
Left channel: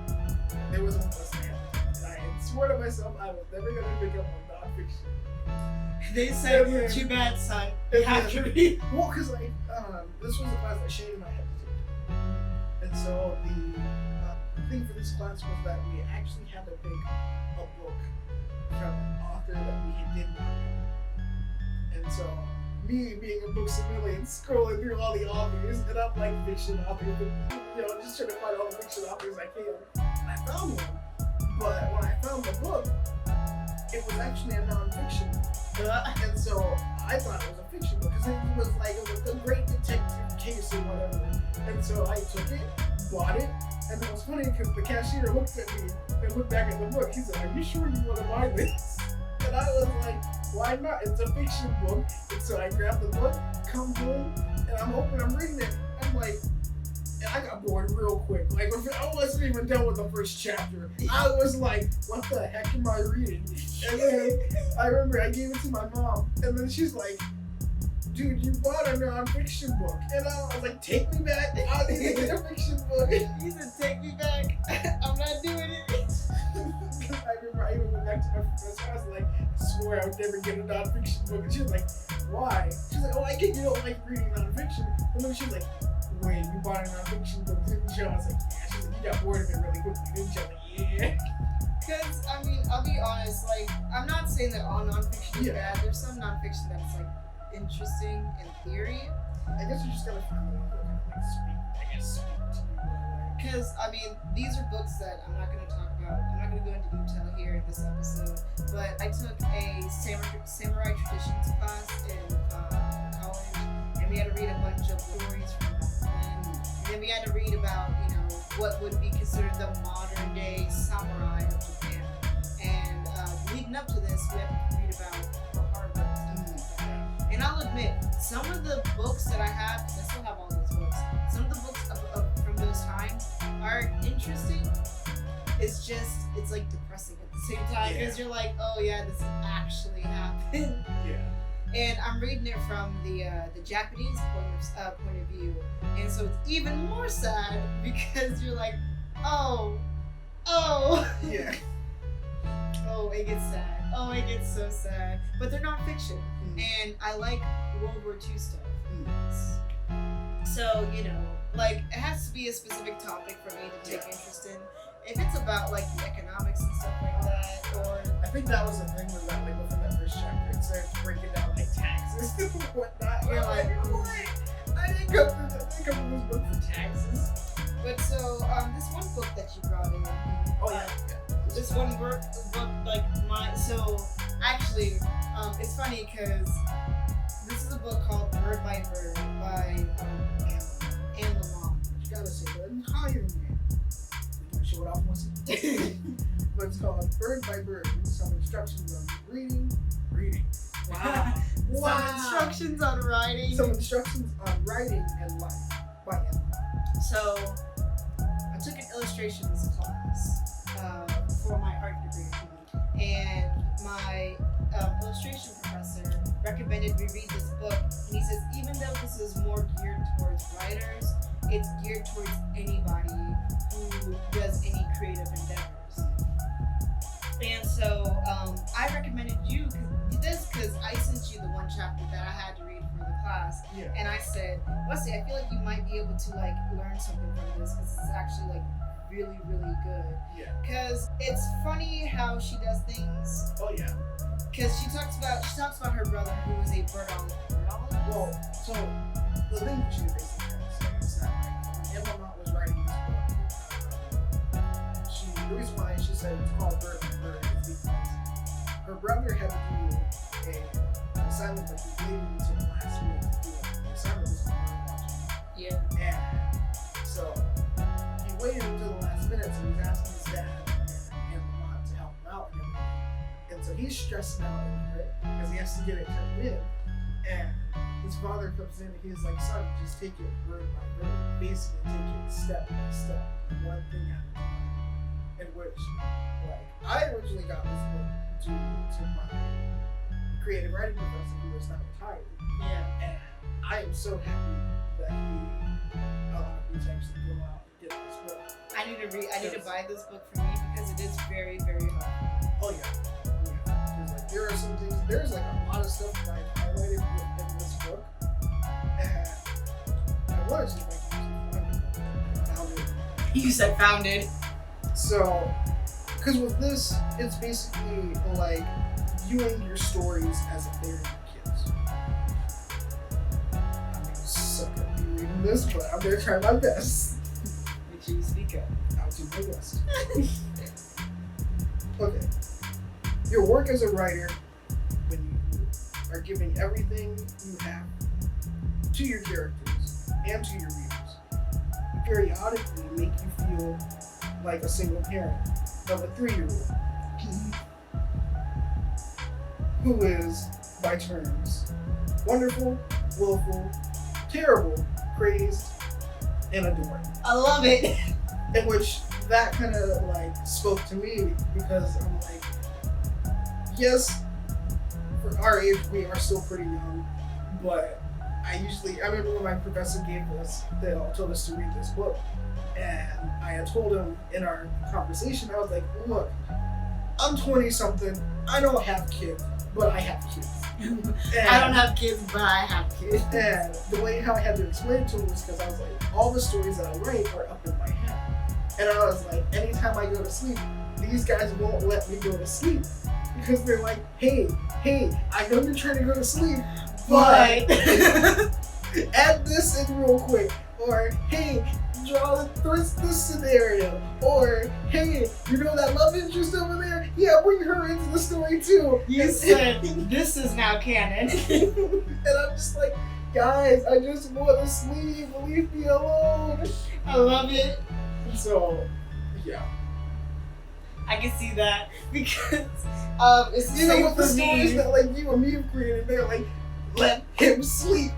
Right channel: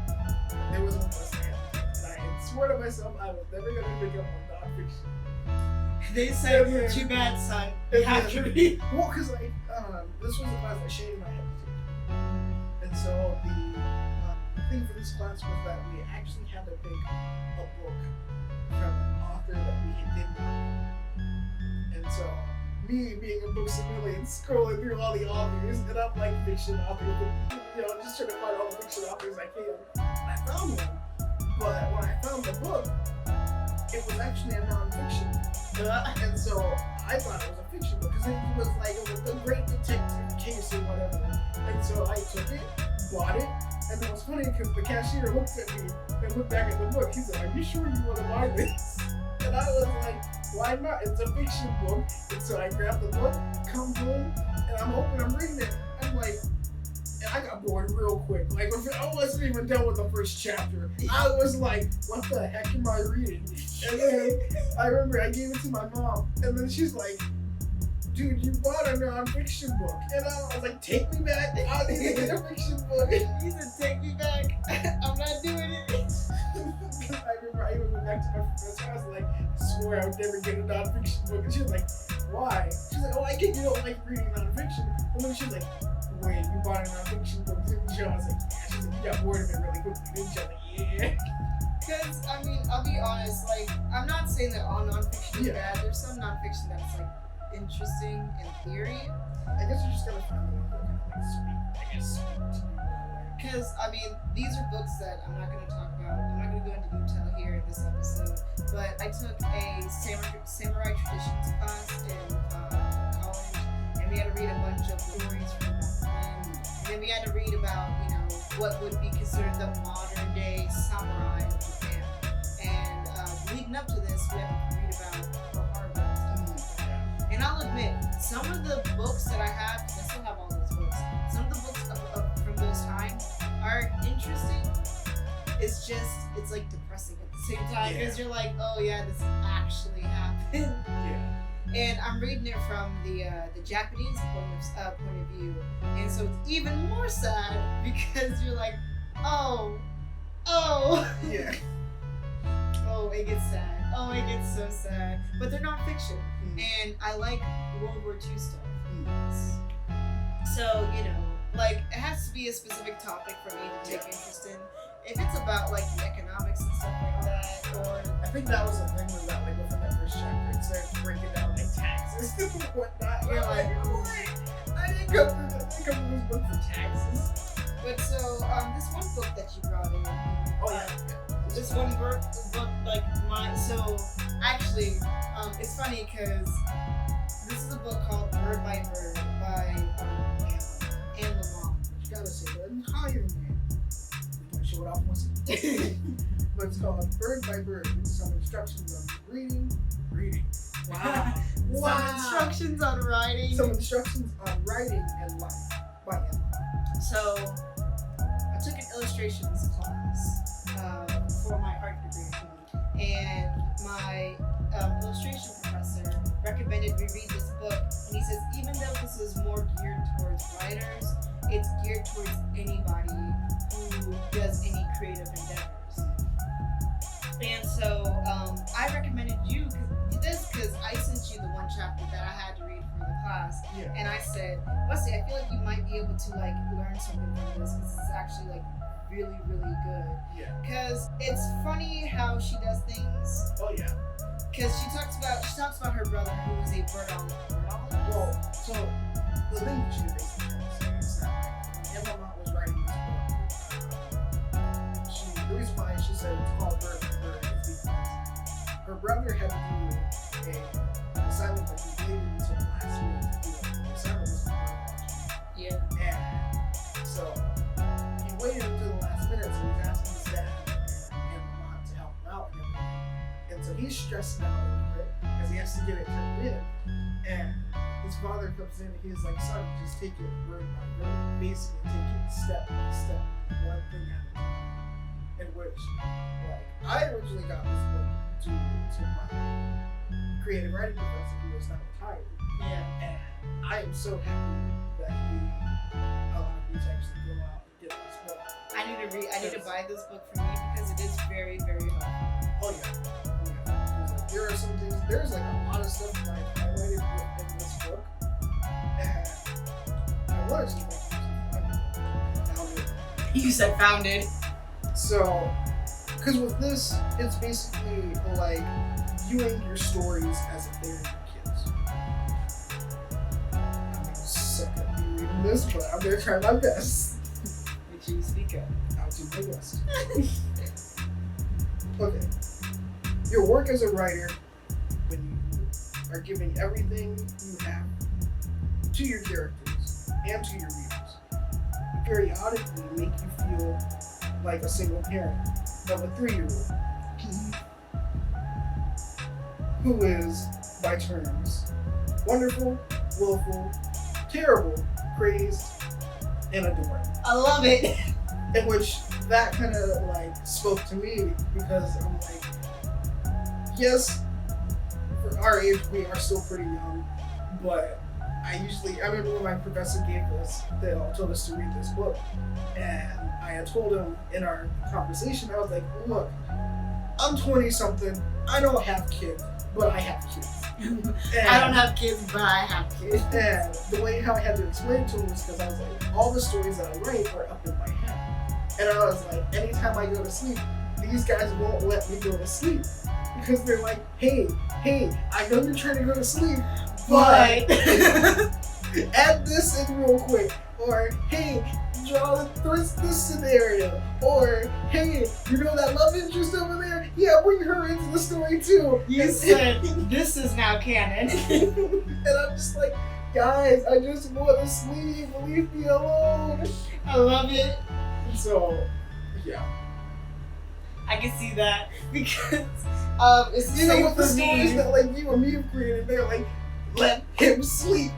there was one class that I had to take, and I had swore to myself I was never going to pick up on nonfiction. they said, Yeah. "Too bad, son. You have to read." Well, because like this was the class that Shane and I had to take, and so the thing for this class was that we actually had to pick a book from an author that we did not know. And so, me being a book civilian, scrolling through all the authors, and I'm like fiction authors, you know, just trying to find all the fiction authors I can. And I found one, but when I found the book, it was actually a non-fiction book. And so I thought it was a fiction book because it was a great detective case or whatever. And so I took it, bought it, and it was funny because the cashier looked at me and looked back at the book. He said, "Are you sure you want to buy this?" And I was like, "Why not? It's a fiction book." And so I grabbed the book, come home, and I'm reading it. I'm like, and I got bored real quick. Like, I wasn't even done with the first chapter. I was like, "What the heck am I reading?" And then I remember I gave it to my mom, and then she's like, "Dude, you bought a non-fiction book." And I was like, "Take me back. I need to get a fiction book." He said, "Take me back. I'm not doing it." Because I remember I even went back to my professor. I was like, I swore I would never get a non-fiction book. And she was like, "Why?" She's like, "Oh, I get you don't like reading non-fiction." And then she was like, "Wait, you bought a non-fiction book, didn't you?" I was like, "Yeah." She's like, "You got bored of it really quickly, didn't you?" I'm like, "Yeah." Because, I mean, I'll be honest, like, I'm not saying that all nonfiction is Yeah. bad. There's some nonfiction that's, like, interesting in theory. I guess you just gotta find the one that kind of like speak to you in a way. Because, I mean, these are books that I'm not going to talk about. I'm not going to go into detail here in this episode. But I took a samurai traditions class in college, and we had to read a bunch of stories from back then. And then we had to read about, you know, what would be considered the modern day samurai of Japan. And leading up to this, we had to read about Pearl Harbor and stuff like that. And I'll admit, some of the books that I have, because I still have all those books, some of the books from those times are interesting. It's just, it's like depressing at the same time because you're like, oh yeah, this actually happened. Yeah. And I'm reading it from the Japanese point of view, and so it's even more sad because you're like, oh, Yeah. oh, it gets sad. Oh, it gets so sad. But they're not fiction, and I like World War II stuff. So, you know, like, it has to be a specific topic for me to take interest in. If it's about, like, the economics and stuff like that, or... I think that was the thing with that, like, within that first chapter, it started breaking down, like, taxes and whatnot. You're like, what? I didn't come to this book for taxes. But so, this one book that you brought in... Oh, yeah. This one book, like, so, actually, it's funny, because this is a book called Bird by Bird by Anne Lamont. You gotta say the entire name. We're gonna show it off once again. But it's called Bird by Bird. Some instructions on reading. Wow. Some instructions on writing. Some instructions on writing and life by Anne Lamont. So, I took an illustrations class for my art degree, and my illustration professor recommended we read this book, and he says even though this is more geared towards writers, it's geared towards anybody who does any creative endeavors. And so I recommended you because I sent you the one chapter that I had to read for the class, and I said, Wesley, I feel like you might be able to like learn something from this because it's actually like really, really good. Yeah. Because it's funny how she does things. Oh yeah. Because she talks about her brother who was a birdologist. Well, so the thing she was basically trying to say is that like when Anne Lamont was writing this book, the reason why she said it's called Bird by Bird is because her brother had to do an assignment, but he waited until the last minute to do it. The assignment was on bird watching. Yeah. And so he waiting until the last minute, so he's asking his dad and mom to help him out and everything. And so he's stressing out over it because he has to get it turned in. And his father comes in and he's like, son, just take it word by word. Basically, take it step by step, one thing at a time. In which, like, I originally got this book due to my creative writing professor who is now retired. Yeah. And I am so happy that he allowed me to actually go out and get this book. I need to buy this book for me because it is very, very helpful. Oh yeah. Because like there are some things, there's like a lot of stuff that I highlighted in this book, and I wanted to like find it. Found it. You said founded. So, because with this, it's basically like viewing your stories as if they're your kids. I'm gonna suck at me reading this, but I'm gonna try my best. Make sure you speak up. I'll do my best. Okay. Your work as a writer, when you are giving everything you have to your characters and to your readers, you periodically make you feel like a single parent of a 3-year-old who is, by terms, wonderful, willful, terrible, crazed, and adoring. I love it. In which that kind of like spoke to me because I'm like, yes, for our age we are still pretty young, but I remember when my professor told us to read this book, and I had told him in our conversation, I was like, look, I'm 20 something, I don't have kids, but I have kids. I don't have kids, but I have kids. And the way how I had to explain it to him was because I was like, all the stories that I write are up in my head. And I was like, anytime I go to sleep, these guys won't let me go to sleep. Because they're like, hey, I know you're trying to go to sleep, but add this in real quick. Or, hey, draw this scenario. Or, hey, you know that love interest over there? Yeah, bring her into the story too. You said, this is now canon. And I'm just like, guys, I just want to sleep. Leave me alone. I love it. So, yeah. I can see that because it's the You know, same with the for stories me. that like you and me have created, they're like, let him sleep.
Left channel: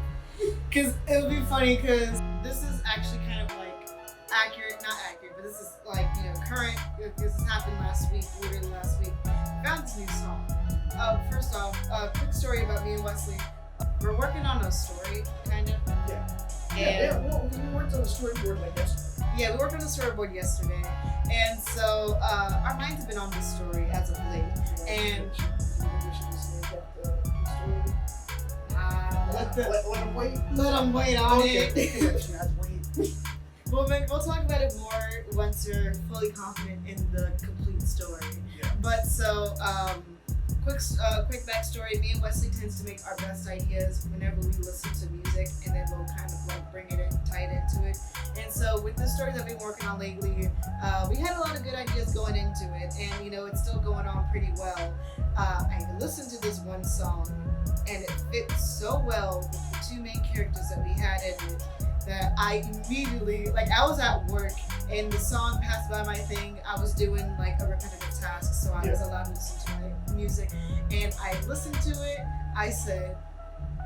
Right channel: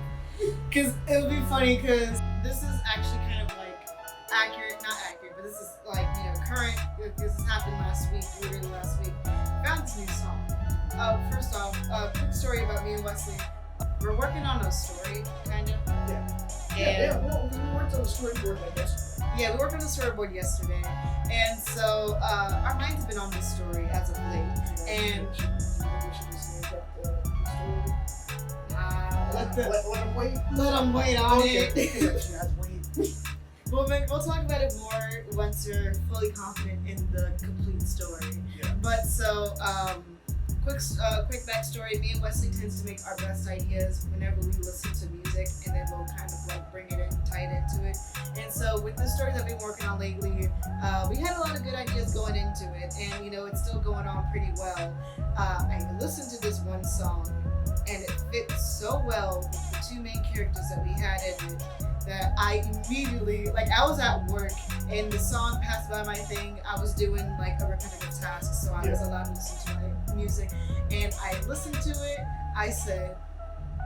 Because it would be funny because this is actually kind of like not accurate, but this is like, current. This has happened literally last week. I found this new song. First off, quick story about me and Wesley. We're working on a story, kind of. Yeah. And Well, we worked on the storyboard like yesterday. yeah, we worked on the storyboard yesterday. And so our minds have been on this story as of late. And we should just make up the story. let them wait. let them wait on it. Okay. Let you guys wait. We'll talk about it more once you're fully confident in the complete story. Yeah. But so, quick backstory. Me and Wesley tends to make our best ideas whenever we listen to music, and then we'll kind of like bring it in, tie it into it. And so with the story that we've been working on lately, we had a lot of good ideas going into it, and it's still going on pretty well. I listened to this one song, and it fits so well with the two main characters that we had in it that I immediately, I was at work and the song passed by my thing. I was doing like a repetitive task, so I was allowed to listen to my music, and I listened to it. I said,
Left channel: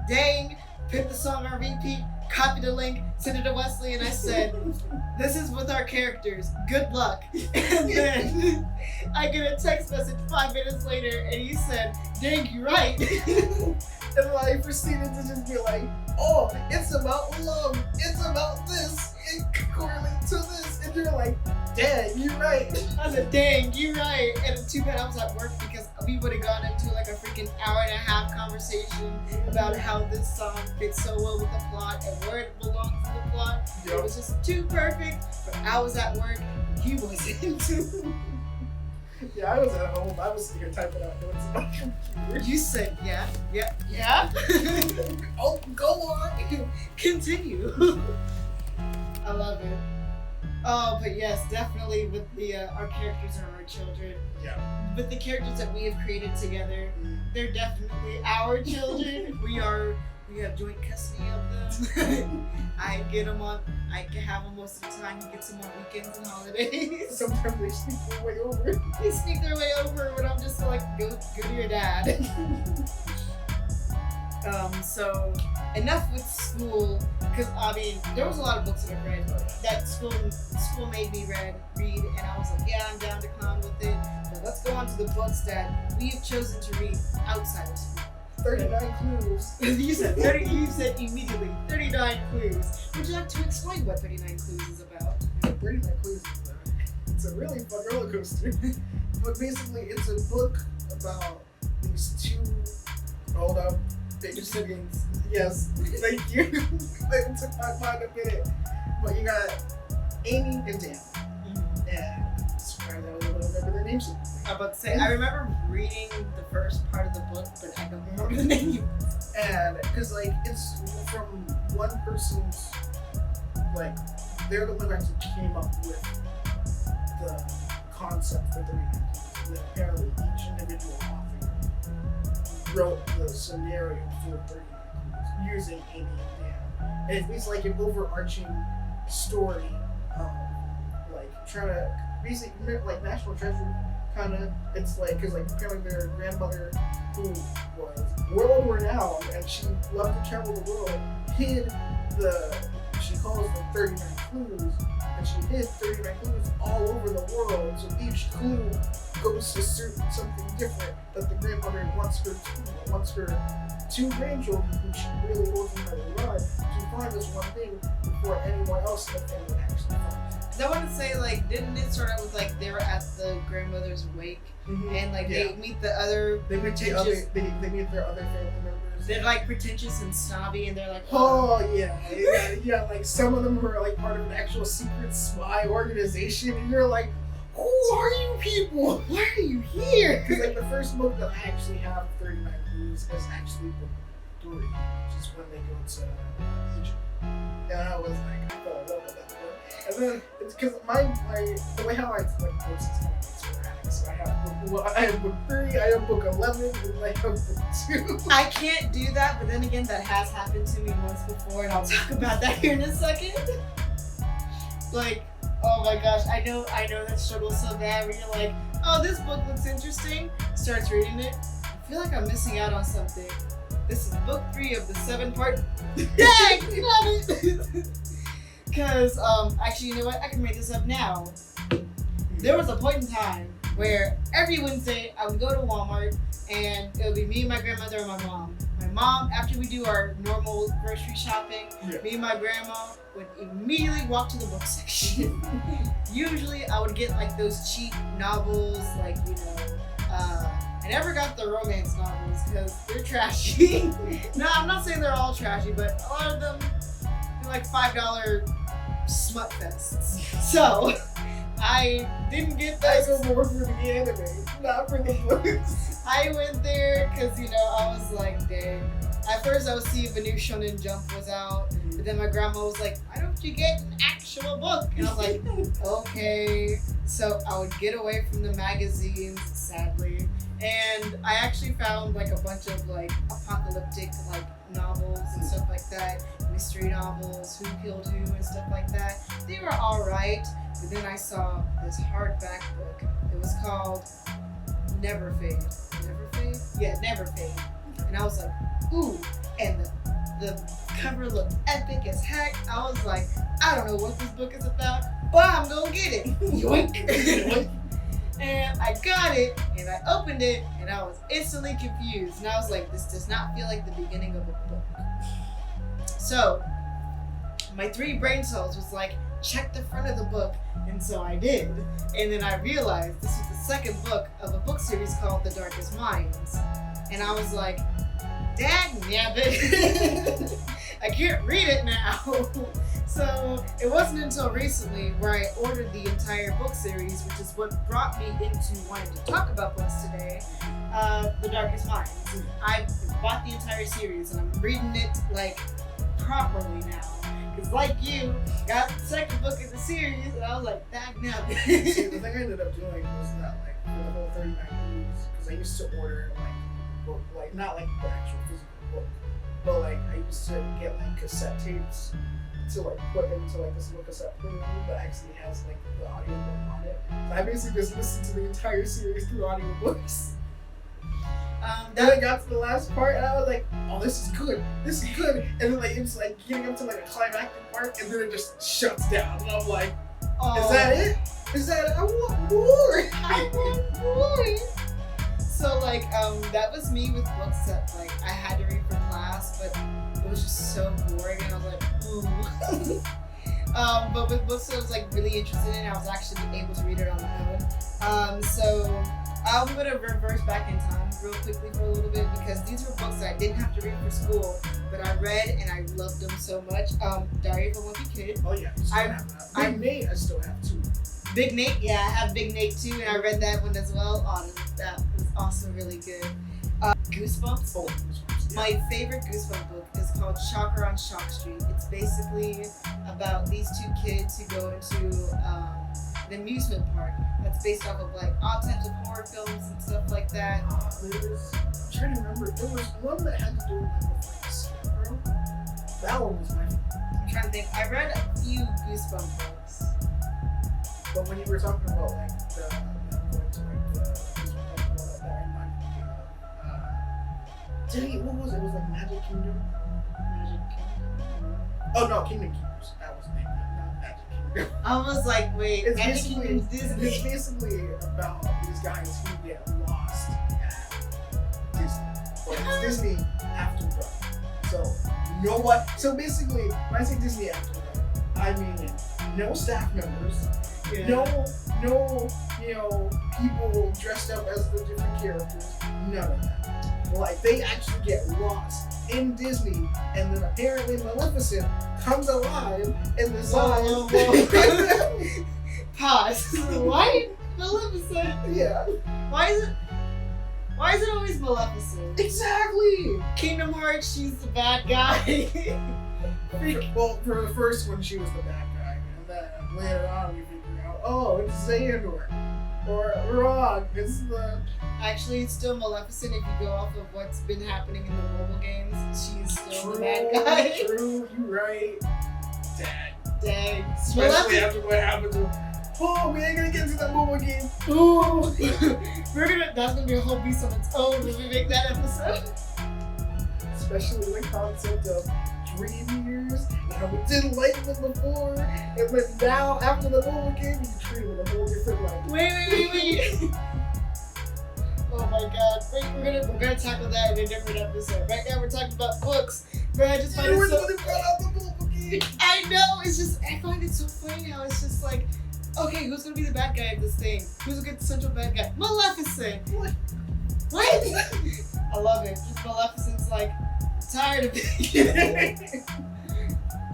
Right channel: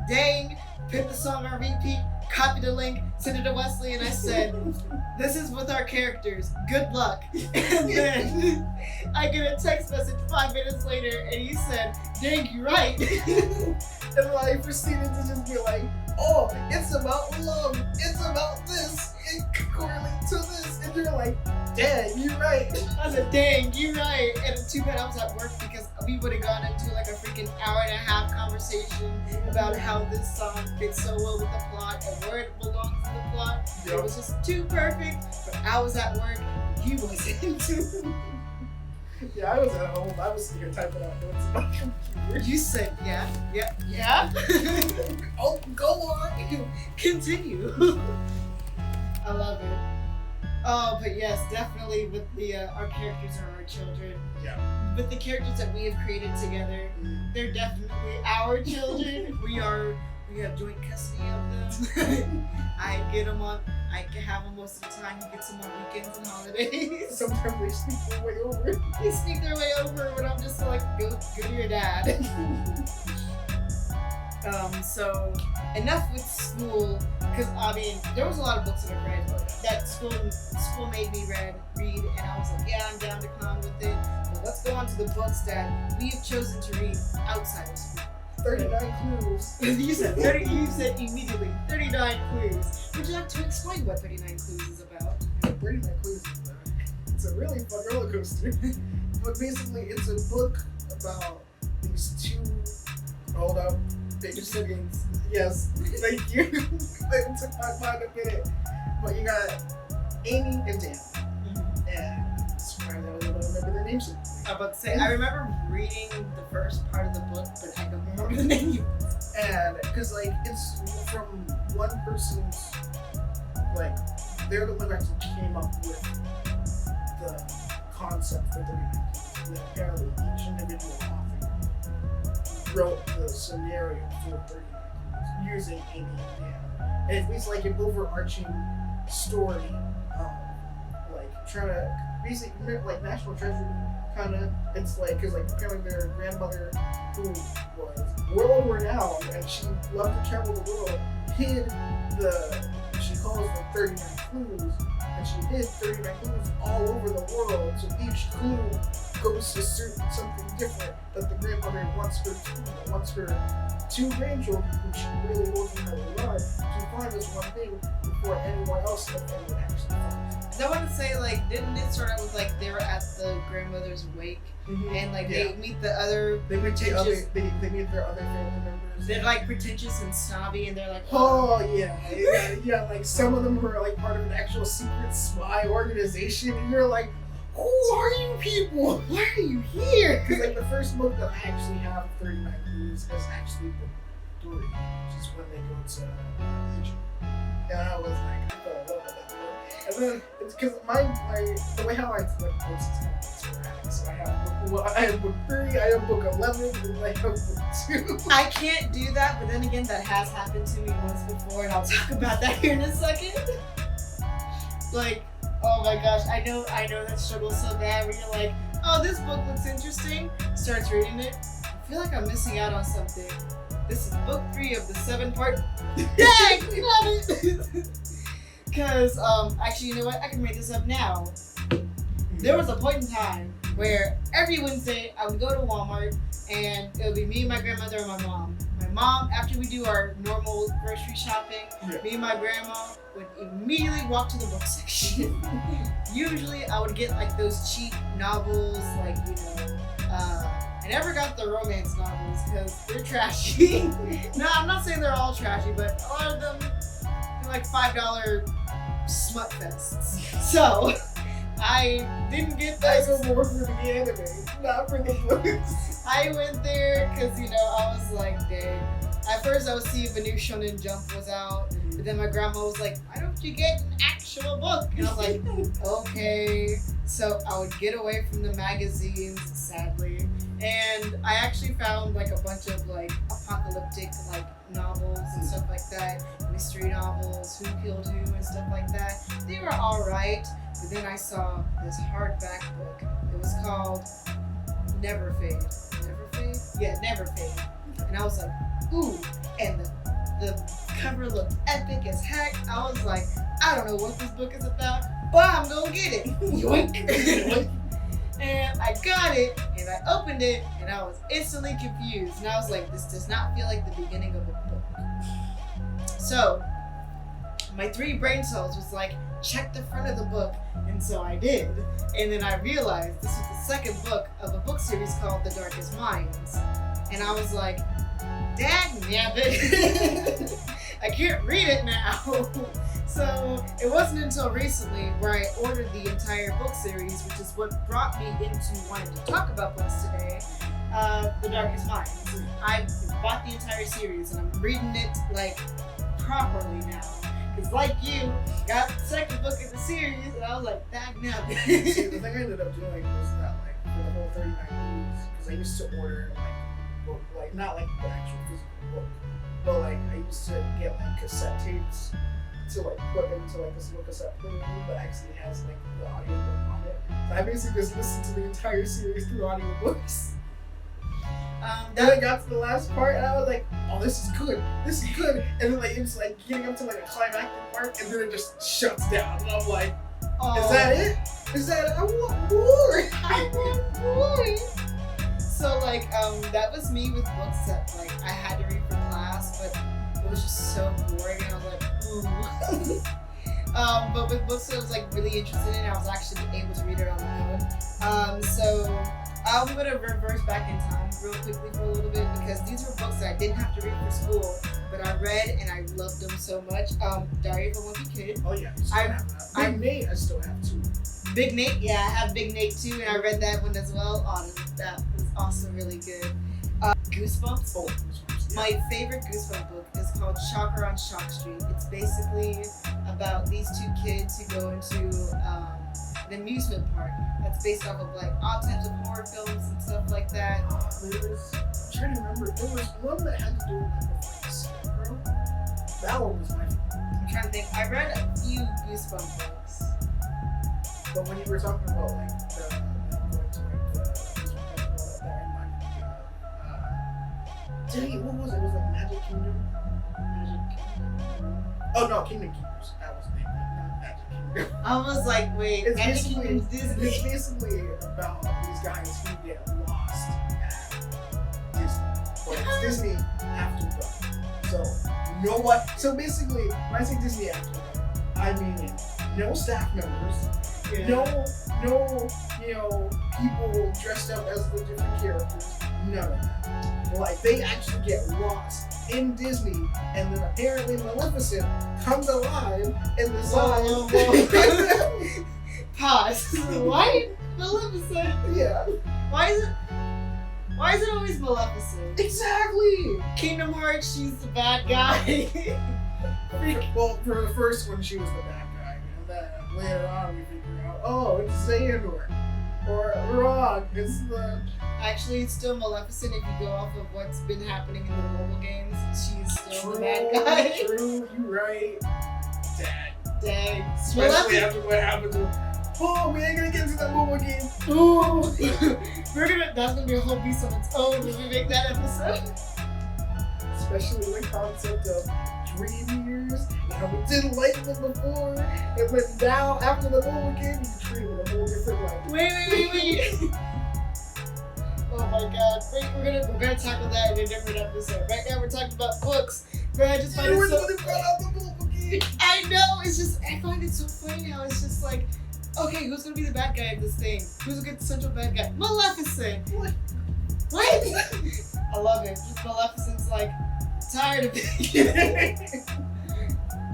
dang, put the song on repeat, copy the link, send it to Wesley, and I said, this is with our characters, good luck. And then I get a text message 5 minutes later, and he said, dang, you're right. And I proceeded to just be like, oh, it's about love. It's about this. It correlates to this. And you're like, dang, you're right. I said, dang, you're right. And too bad I was at work because we would have gone into like a freaking hour-and-a-half conversation about how this song fits so well with the plot and where it belongs in the plot. Yep. It was just too perfect. But I was at work and he wasn't. Yeah, I was at home. I was sitting here typing out notes on my computer. You said, yeah. Oh, go on. Continue. I love it. Oh, but yes, definitely with the our characters are our children. Yeah. With the characters that we have created together, they're definitely our children. We are We have joint custody of them. I get them on. I can have them most of the time. He gets them on weekends and holidays. Sometimes they sneak their way over. They sneak their way over, but I'm just like, go to your dad. So enough with school, because I mean, there was a lot of books that I read that school made me read, and I was like, yeah, I'm down to clown with it. But let's go on to the books that we have chosen to read outside of school. 39 clues. You said 30. You said immediately 39 clues. Would you like to explain what 39 clues is about? 39 clues. It's a really fun roller coaster. But basically, it's a book about these two. Hold up. Your siblings. Yes, thank you. It took my mind a minute. But you got Amy and Dan. And I'm surprised I was able to remember their names. I was about to say, I remember reading the first part of the book, but I don't remember the name. And because like it's from one person's, like they're the one who actually came up with the concept for 39 clues. And apparently each individual author wrote the scenario for 39 clues using Amy and Dan. And it's like an overarching story, like trying to basically like National Treasure kind of. It's like because like apparently their grandmother, who was world renowned and she loved to travel the world, hid she calls them 39 clues, and she hid 39 clues all over the world. So each clue goes to something different that the grandmother wants her two grandchildren, who she really holds in her regard, to find this one thing before anyone else in the family actually finds it. Because I want to say, like, didn't it start out with like they were at the grandmother's wake, and like they meet the other they meet their other family members. They're like pretentious and snobby, and they're like, yeah. Like some of them were like part of an actual secret spy organization, and you're like, who are you people? Why are you here? Because like the first book that I actually have, 39 Clues, is actually book 3, which is when they go to Egypt. And I was like, I fell in love with that book. And then it's because the way how I collect books is kind of like sporadic. So I have book 3, I have book 11, and I have book 2. I can't do that, but then again, that has happened to me once before, and I'll talk about that here in a second. Like, oh my gosh, I know that struggle so bad where you're like, oh, this book looks interesting, starts reading it, I feel like I'm missing out on something. This is book 3 of the 7-part. Dang, love it! Because, actually, you know what, I can make this up now. There was a point in time where every Wednesday I would go to Walmart, and it would be me, my grandmother, and my mom. My mom, after we do our normal grocery shopping, me and my grandma would immediately walk to the book section. Usually I would get like those cheap novels, like, you know, I never got the romance novels because they're trashy. No, I'm not saying they're all trashy, but a lot of them are like $5 smut fests. So I didn't get those. I go more for the anime, not for the books. I went there because, you know, I was like, dang. At first I would see if a new Shonen Jump was out, but then my grandma was like, why don't you get an actual book? And I was like, okay. So I would get away from the magazines, sadly. And I actually found like a bunch of like apocalyptic like novels and stuff like that, mystery novels, Who Killed Who and stuff like that. They were alright, but then I saw this hardback book. It was called Never Fade. Never Fade? Yeah, Never Fade. And I was like, ooh, and the cover looked epic as heck. I was like, I don't know what this book is about, but I'm gonna get it. Yoink. And I got it, and I opened it, and I was instantly confused. And I was like, this does not feel like the beginning of a book. So, my 3 brain cells was like, check the front of the book. And so I did. And then I realized this was the second book of a book series called The Darkest Minds. And I was like, dagnabbit, I can't read it now. So it wasn't until recently where I ordered the entire book series, which is what brought me into wanting to talk about books today, The Darkest Minds. I bought the entire series and I'm reading it like properly now. Because like you, got the second book in the series and I was like, dagnabbit. See, the thing I ended up doing was that like for the whole 39 movies, because I used to order like book, like not like the actual physical book, but like I used to get like cassette tapes to like put into like this little cassette player that actually has like the audiobook on it. So I basically just listened to the entire series through audiobooks. Then I got to the last part and I was like, oh, this is good, and then like it's like getting up to like a climactic part and then it just shuts down and I'm like, is that it? Is that it? I want more! I want more! So like that was me with books that like I had to read for class, but it was just so boring and I was like, ooh. But with books that I was like really interested in, I was actually able to read it on my own. So I'm gonna reverse back in time real quickly for a little bit because these were books that I didn't have to read for school, but I read and I loved them so much. Diary of a Wimpy Kid. Oh yeah, I have that. Big Nate, I still have too. Big Nate, yeah, I have Big Nate too, and I read that one as well. That was also really good. Goosebumps. Oh, Goosebumps. Yeah. My favorite Goosebump book is called Shocker on Shock Street. It's basically about these two kids who go into an amusement park that's based off of like all types of horror films and stuff like that. I'm trying to remember. There was one that had to do with like Scarecrow. That one was my favorite. I'm trying to think. I read a few Goosebump books. But when you were talking about like the going to like the that reminded me of dang, what was it? It was like Magic Kingdom. Oh no, Kingdom Keepers. That was the name, not Magic Kingdom. I was like, wait, It's Magic basically Kingdom's Disney. it's basically about these guys who get lost at Disney. But it's Disney after dark. So you know what? So basically, when I say Disney after dark, I mean no staff members. Yeah. No, people dressed up as the different characters. None of that. Like, they actually get lost in Disney, and then apparently Maleficent comes alive and decides. Whoa. Pause. Why Maleficent? Yeah. Why is it always Maleficent? Exactly. Kingdom Hearts, she's the bad guy. Well, for the first one, she was the bad guy, and then later on we figure out, oh, it's Xehanort. Or wrong, it's the... Actually, it's still Maleficent if you go off of what's been happening in the mobile games. She's still the bad guy. True, you're right. Dang. Especially after what happened to... Oh, we ain't gonna get into that mobile game. Ooh. That's gonna be a whole beast on its own when we make that episode. Especially the concept of dream years, and how we didn't like them before, and then now after the mobile game, you treat it with a whole different light. Wait. Oh my god. Wait, we're gonna tackle that in a different episode. Right now we're talking about books. But I just find You it were so... the one who brought out the mobile game. I know, it's just, I find it so funny how it's just like, okay, who's gonna be the bad guy of this thing? Who's gonna get the central bad guy? Maleficent! What? I love it. Just Maleficent's like, tired of it.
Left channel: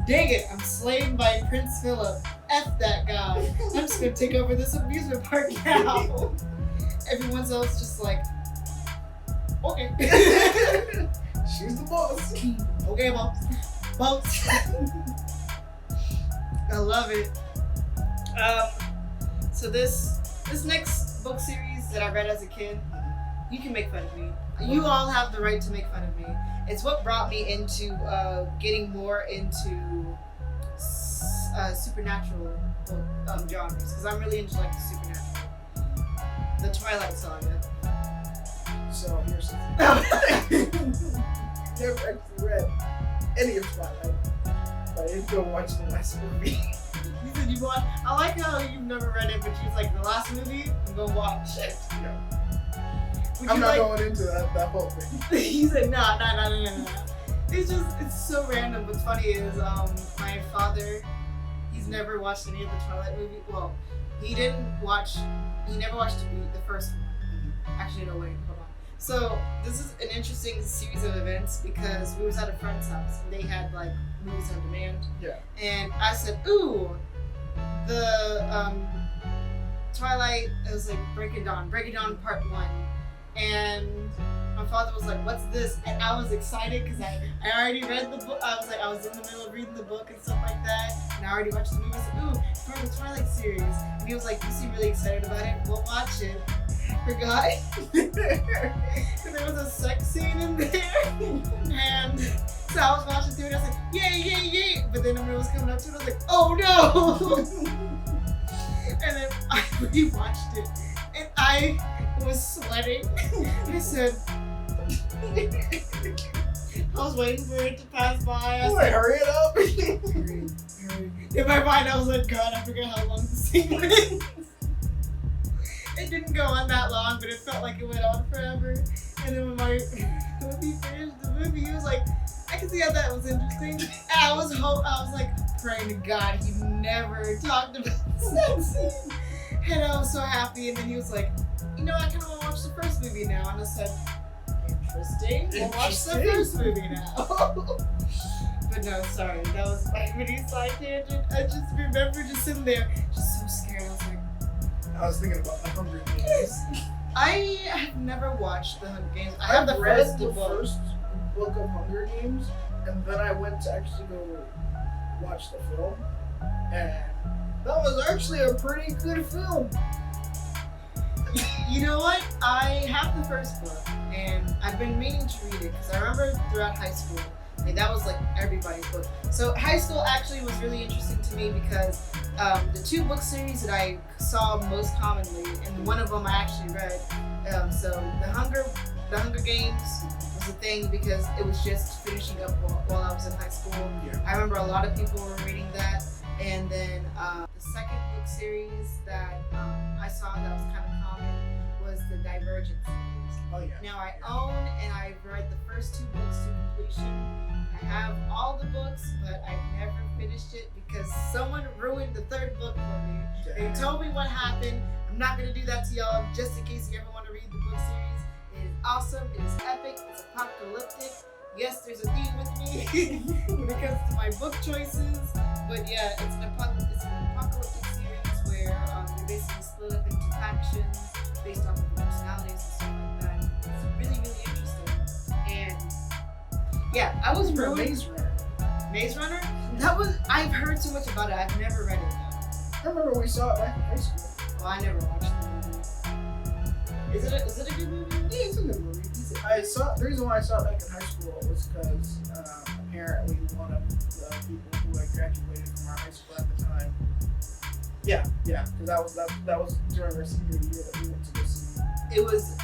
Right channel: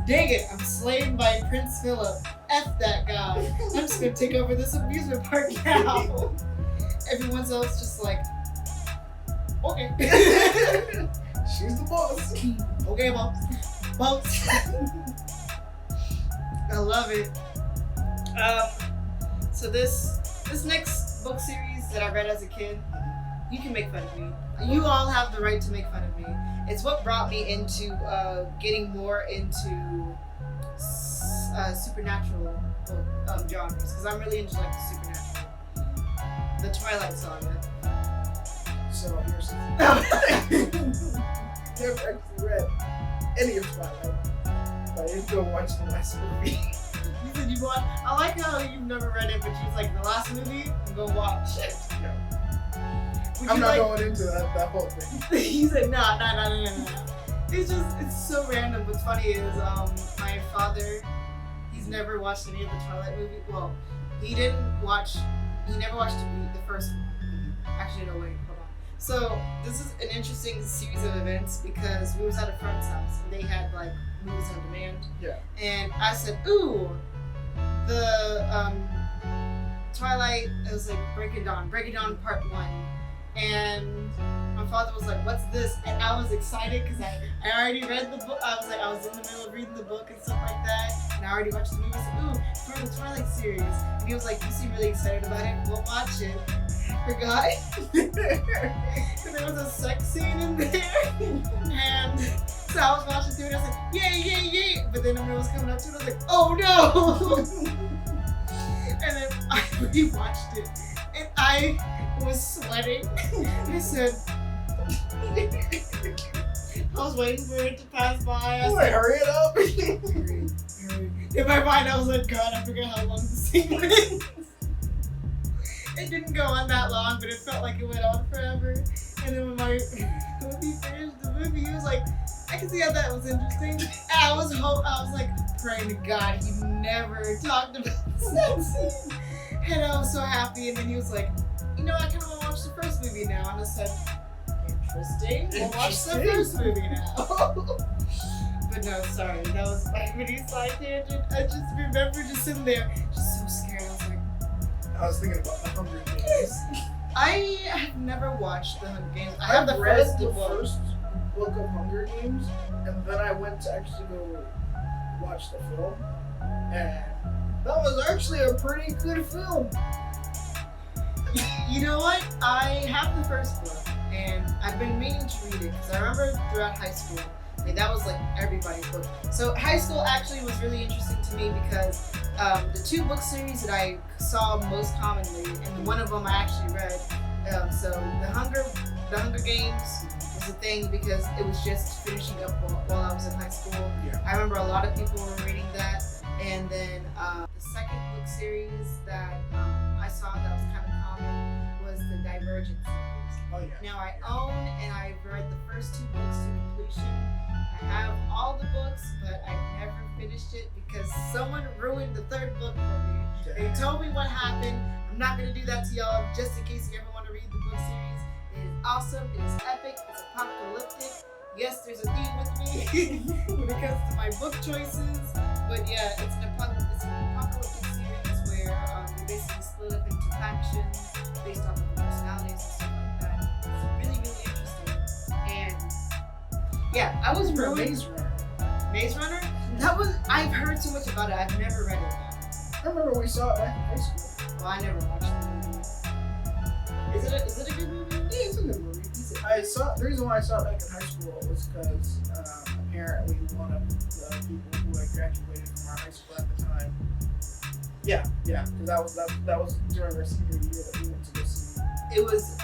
Dang it, I'm slayed by Prince Philip. F that guy. I'm just gonna take over this amusement park now. Everyone else just like, okay. She's the boss. Okay, boss. I love it. So this next book series that I read as a kid, you can make fun of me. You all have the right to make fun of me. It's what brought me into getting more into supernatural genres, because I'm really into like the supernatural. The Twilight Saga. So here's the thing. Never actually read any of Twilight, but I did go watch the last movie. You said you watched. I like how you've never read it, but you was like, the last movie, I'm gonna watch it. Yeah. I'm not going into that whole thing. You said no. It's so random. What's funny is my father, he's never watched any of the Twilight movies. Well, he never watched the first one. Actually, no, wait, hold on. So this is an interesting series of events because we was at a friend's house and they had like movies on demand. Yeah. And I said, ooh, the Twilight, it was like Breaking Dawn Part 1. And my father was like, what's this? And I was excited because I already read the book. I was in the middle of reading the book and stuff like that. And I already watched the movie. I said, ooh, it's part of the Twilight series. And he was like, you seem really excited about it. We'll watch it. forgot. There was a sex scene in there. And so I was watching through it, and I was like, yay, yay, yay. But then when it was coming up to it, I was like, oh no. And then I rewatched it, and I was sweating. I said, I was waiting for it to pass by. Boy, hurry it up. Hurry. In my mind, I was like, God, I forget how long the scene was. It didn't go on that long, but it felt like it went on forever. And then when he finished the movie, he was like, I can see how that was interesting. And I was like praying to God he never talked about that scene. And I was so happy. And then he was like, you know, I kind of want to watch the first movie now. And I said, interesting. We'll watch the first movie now. But no, sorry, that was my mini side tangent. I just remember just sitting there, just so scared. I was like, I was thinking about the Hunger Games. I have never watched the Hunger Games. I have read first the book. first book of Hunger Games, and then I went to actually go watch the film, and that was actually a pretty good film. You know what? I have the first book, and I've been meaning to read it because I remember throughout high school, like that was like everybody's book. So high school actually was really interesting to me because the two book series that I saw most commonly, and one of them I actually read. So the Hunger Games was a thing because it was just finishing up while I was in high school. Yeah. I remember a lot of people were reading that, and then the second book series that I saw that was kind of common was the Divergent series. Oh yeah. Now I own and I've read the first two books to completion. I have all the books, but I've never finished it because someone ruined the third book for me. They told me what happened. I'm not going to do that to y'all just in case you ever want to read the book series. It is awesome. It is epic. It's apocalyptic. Yes, there's a theme with me when it comes to my book choices. But yeah, it's an apocalyptic series where you're basically split up into factions based off of the personalities and stuff like that. It's really, really interesting. And yeah, I was ruined. Maze Runner. Maze Runner? I've heard so much about it. I've never read it though. I remember we saw it back in high school. Well, I never watched the movie. Is it a good movie? Yeah, it's a good movie. The reason why I saw it back in high school was because apparently one of the people who had graduated from our high school at the time. Yeah, because that was during our senior year that we went to go see. It was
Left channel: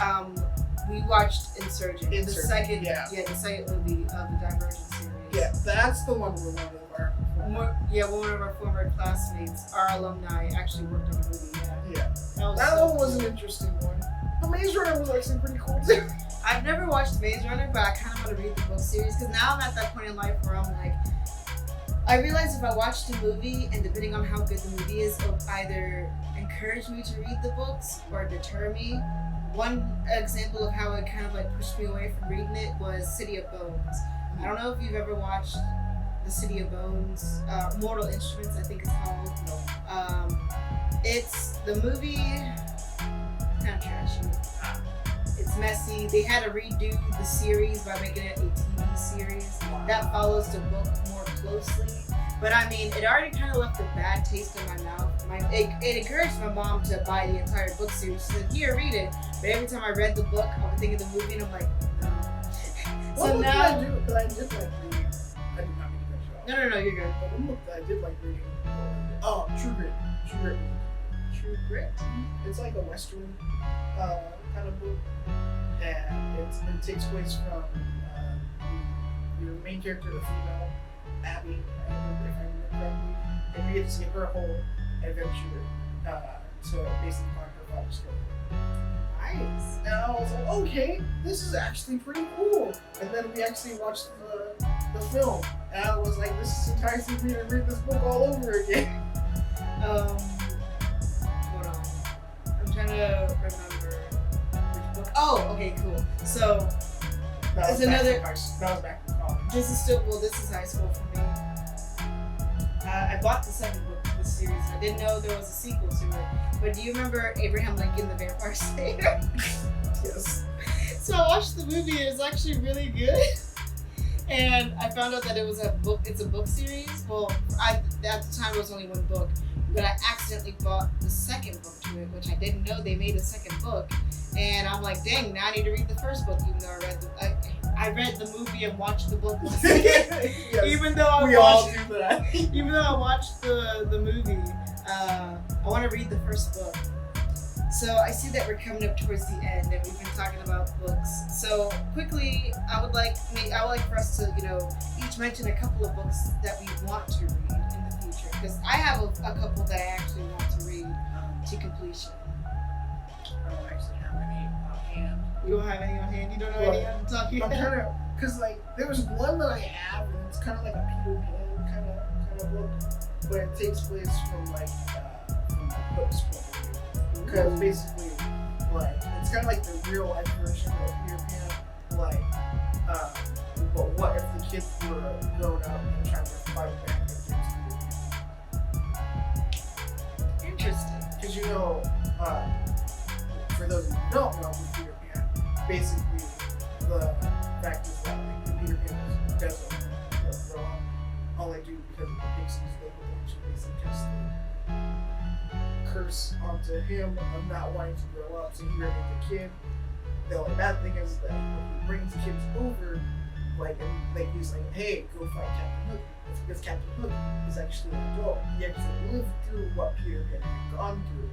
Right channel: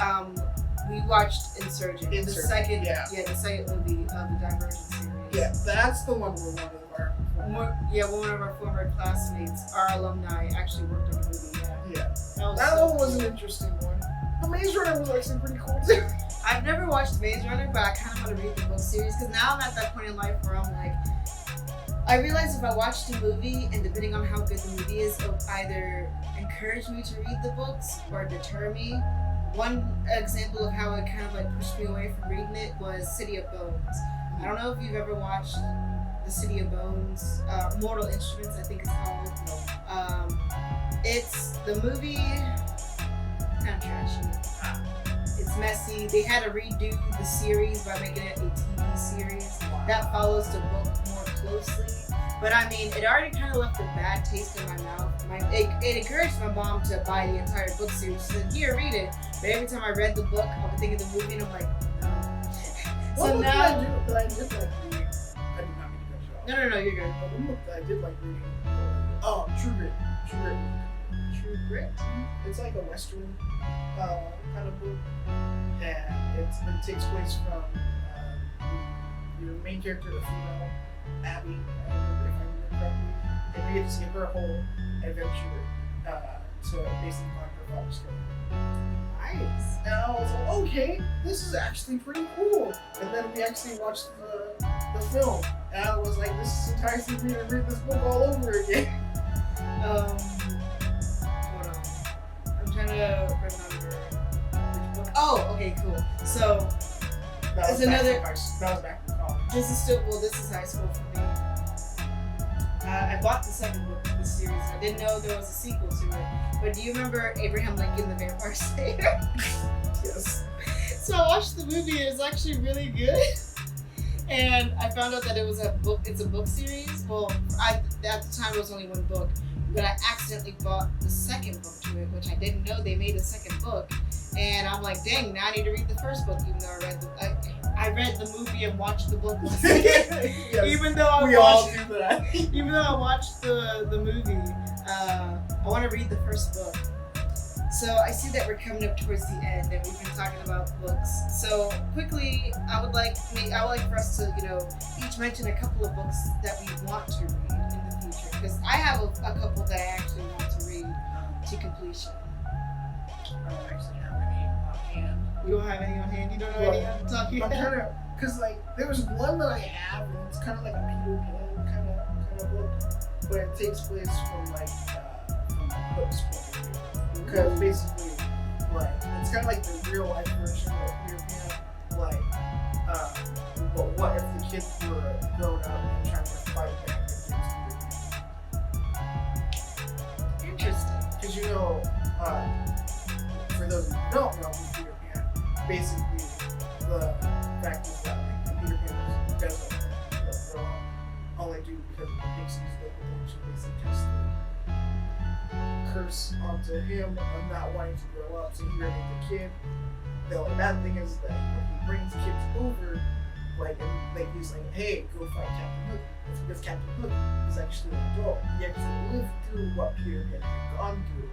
we watched Insurgent. The second movie of the Divergent series. Yeah, that's the one where one of our former classmates, our alumni, actually worked on the movie. Yeah. That one was an interesting one. The Maze Runner was actually pretty cool too. I've never watched Maze Runner, but I kind of want to read the book series because now I'm at that point in life where I'm like, I realize if I watch the movie and depending on how good the movie is, it'll either encourage me to read the books or deter me. One example of how it kind of like pushed me away from reading it was City of Bones. I don't know if you've ever watched the City of Bones, Mortal Instruments, I think it's called. No. It's the movie, kind of trashy. It's messy. They had to redo the series by making it a TV series that follows the book more closely. But I mean, it already kind of left a bad taste in my mouth. It encouraged my mom to buy the entire book series. She said, here, read it. But every time I read the book, I would think of the movie and I'm like, no. What book I did like reading? I did not mean to cut you off. No, you're good. But one book that I did like reading was True Grit. True Grit? It's like a Western kind of book. And it takes place from your main character, the female, Abby, if I remember correctly, and we get to see her whole adventure to basically find her father's killer. Nice. And I was like, okay, this is actually pretty cool. And then we actually watched the film, and I was like, this is enticing me to read this book all over again. Hold on. I'm trying to remember which book. Oh, okay, cool. So That was back in college. this is high school for me. I bought the second book of the series. I didn't know there was a sequel to it. But do you remember Abraham Lincoln, the Vampire Slayer? Yes. So I watched the movie. It was actually really good. And I found out that it was a book. It's a book series. Well, at the time it was only one book, but I accidentally bought the second book to it, which I didn't know they made a second book. And I'm like, dang, now I need to read the first book, even though I read the movie and watched the book. Yes, even though I all do that. even though I watched the movie, I want to read the first book. So I see that we're coming up towards the end, and we've been talking about books. So quickly, I would like for us to, each mention a couple of books that we want to read in the future. Because I have a couple that I actually want to read to completion. I don't actually have any on hand. You don't have any on hand? You don't know any I'm talking I'm about? trying to, because there was one that I have, and it's kind of like a Peter Pan kind of book, but it takes place from Hook's point of view. Because basically, it's kind of like the real life version of Peter Pan. But what if the kids were grown up and trying to fight back against Peter Pan? Interesting. Because for those who don't know Peter Pan, basically the fact is that Peter Pan doesn't grow up only due because of the pixies. They eventually cast the curse onto him of not wanting to grow up, so he remains a kid. The only bad thing is that when he brings kids over, he's like, hey, go fight Captain Hook. It's because Captain Hook is actually an adult. He actually lived through what Peter Pan had gone through.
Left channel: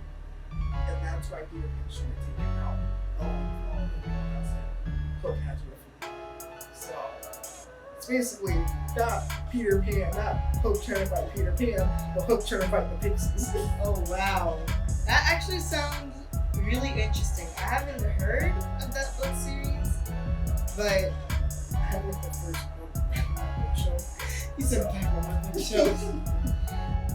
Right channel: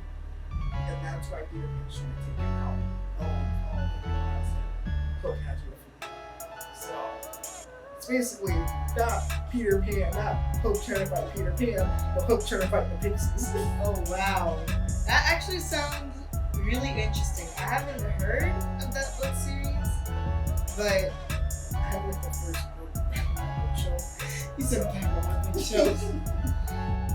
And that's why Peter Pan's trying to take him out along with all the things that Hook has with him. So it's basically not Peter Pan, not Hook trying to fight Peter Pan, but Hook trying to fight the pixies. Oh wow. That actually sounds really interesting. I haven't heard of that book series, but I have the first book back on my bookshelf. You said back on my bookshelf.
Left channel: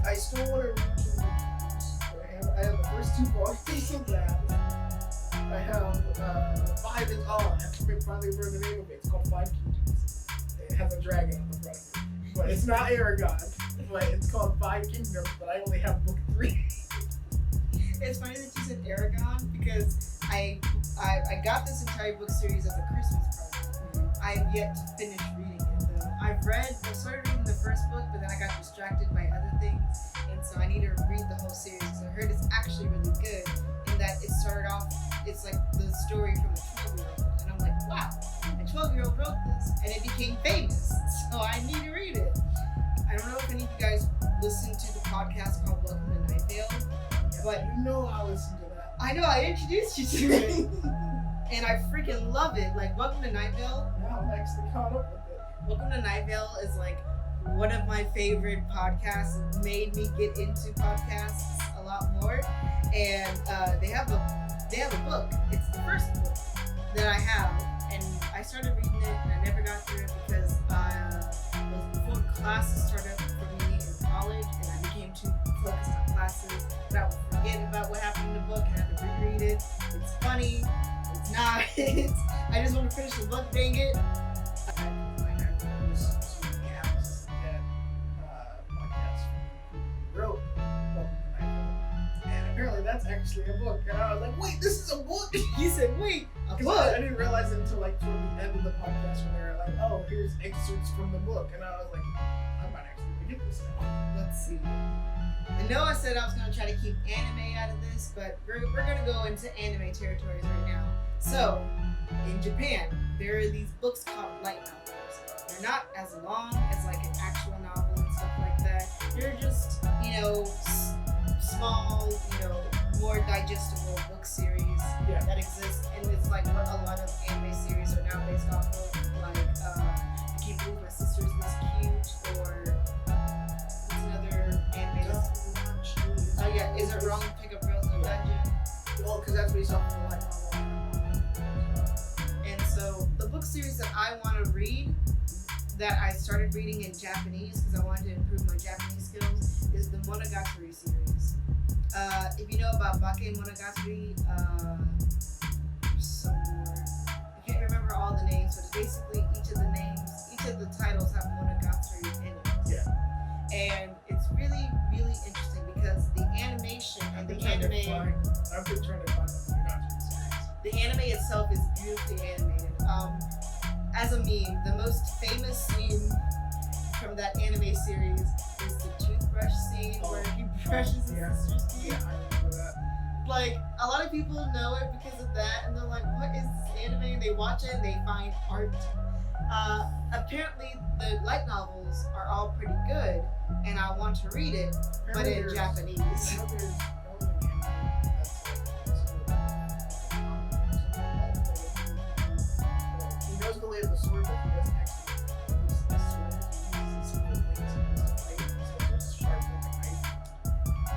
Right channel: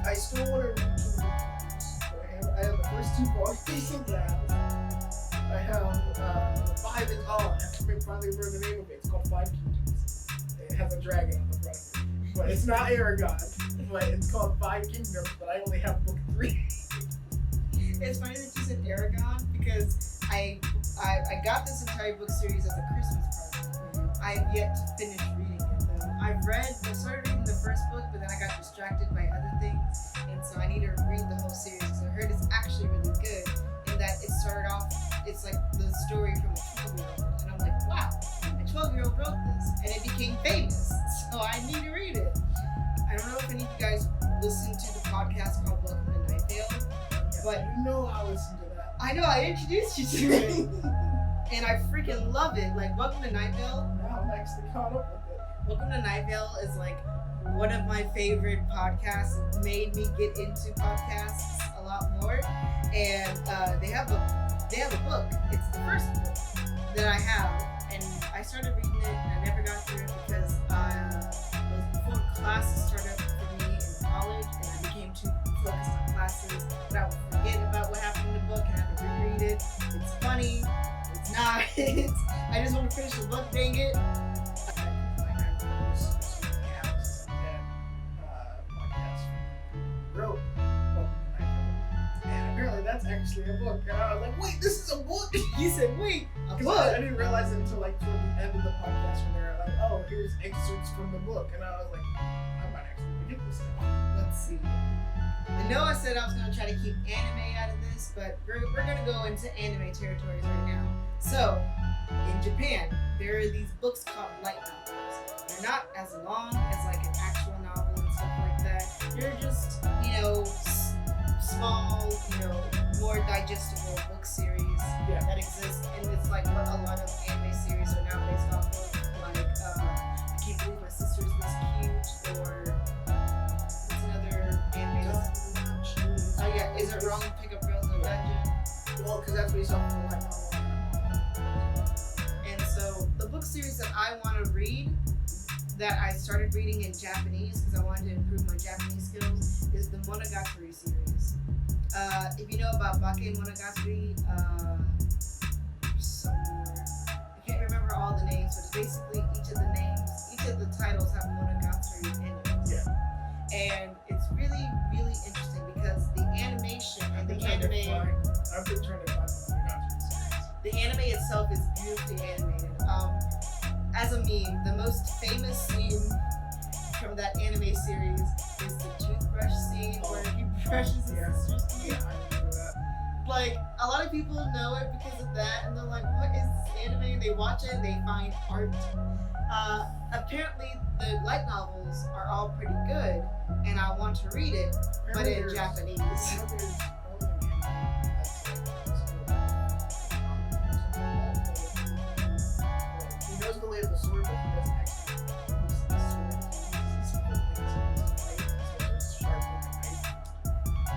I still want to read Kingdom Keepers, but I have the first 2 volumes of that. I have the 5 is on. I have to finally remember the name of it. It's called 5 Kingdoms. It has a dragon on the front of it. But it's not Aragon. But it's called 5 Kingdoms, but I only have book 3. It's funny that you said Aragon because I got this entire book series as a Christmas present. Mm-hmm. I have yet to finish reading it though. I started reading the first book, but then I got distracted by other things, and so I need to read the whole series because I heard it's actually really good. In that it started off, it's like the story from a 12-year-old, and I'm like, wow, a 12-year-old wrote this, and it became famous, so I need to read it. I don't know if any of you guys listen to the podcast called Welcome to Night Vale. But I listened to that. I know, I introduced you to it. And I freaking love it. Welcome to Night Vale. Now I'm actually caught up with it. Welcome to Night Vale is one of my favorite podcasts. It made me get into podcasts a lot more. And they have a book. It's the first book that I have. And I started reading it and I never got through it because it was before classes started for me in college, and I became too focused on classes that I would forget about what happened in the book and have to reread it. It's funny, it's not. I just want to finish the book, dang it. I listened to the Alice and Dad podcast who wrote Welcome to Night Vale. And apparently that's actually a book. And I was like, wait, this is a book? You said, wait, a Because book? I didn't realize it until toward the end of the podcast when they were like, oh, here's excerpts from the book. And I was like, I might actually get this now. Let's see. I know I said I was going to try to keep anime out of this, but we're going to go into anime territories right now. So, in Japan, there are these books called light novels. They're not as long as an actual novel and stuff like that. They're just, small, more digestible book series that exist. And it's what a lot of anime series are now based off of. I Can't Believe My Sister's Miss Cute, or what's another anime? Oh yeah, Is It Wrong to Pick Up Girls in a Dungeon? Well, because that's based off of a light novel. And so the book series that I want to read, that I started reading in Japanese because I wanted to improve my Japanese skills, is the Monogatari series. If you know about Bake Monogatari, some more. I can't remember all the names, but it's basically each of the titles have Monogatari in it. Yeah. And it's really, really interesting because the animation and the anime. I've been trying to find the Monogatari series. The anime itself is beautifully animated. As a meme, the most famous scene from that anime series is the toothbrush scene where he brushes his sister's teeth. Yeah, I remember that. like a lot of people know it because of that, and they're like, "What is this anime?" And they watch it and they find art. Apparently, the light novels are all pretty good, and I want to read it, but in Japanese. I know there's an anime that's like he knows the way of the sword, but he doesn't actually use the sword. He uses the blades to fight instead of just sharp like a knife.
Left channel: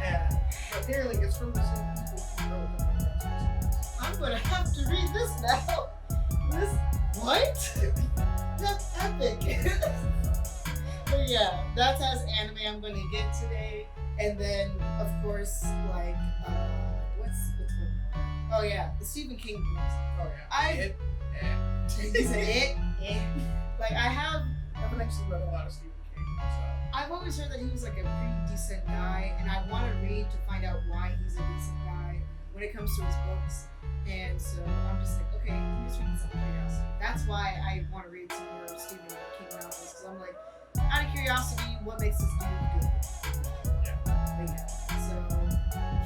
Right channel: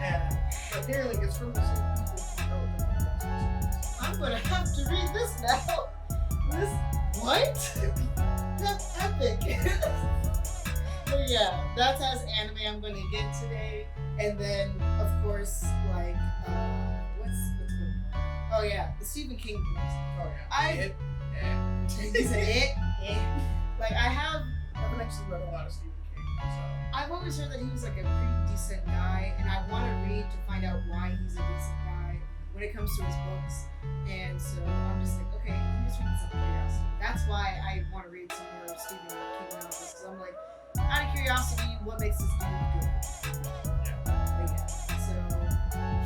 And but apparently, it's from the same people who wrote the manga. I'm gonna have to read this now. This what? That's epic. But yeah, that's as anime I'm gonna get today. And then of course like what's one? Oh yeah, the Stephen King books. Oh yeah. He said it. Like I haven't actually read a lot of Stephen King, so I've always heard that he was like a pretty decent guy, and I want to read to find out why he's a decent guy when it comes to his books. And so I'm just like, okay, I'm just reading some curiosity. That's why I want to read some more Stephen King novels, because I'm like, out of curiosity, what makes this dude good? yeah. But yeah, so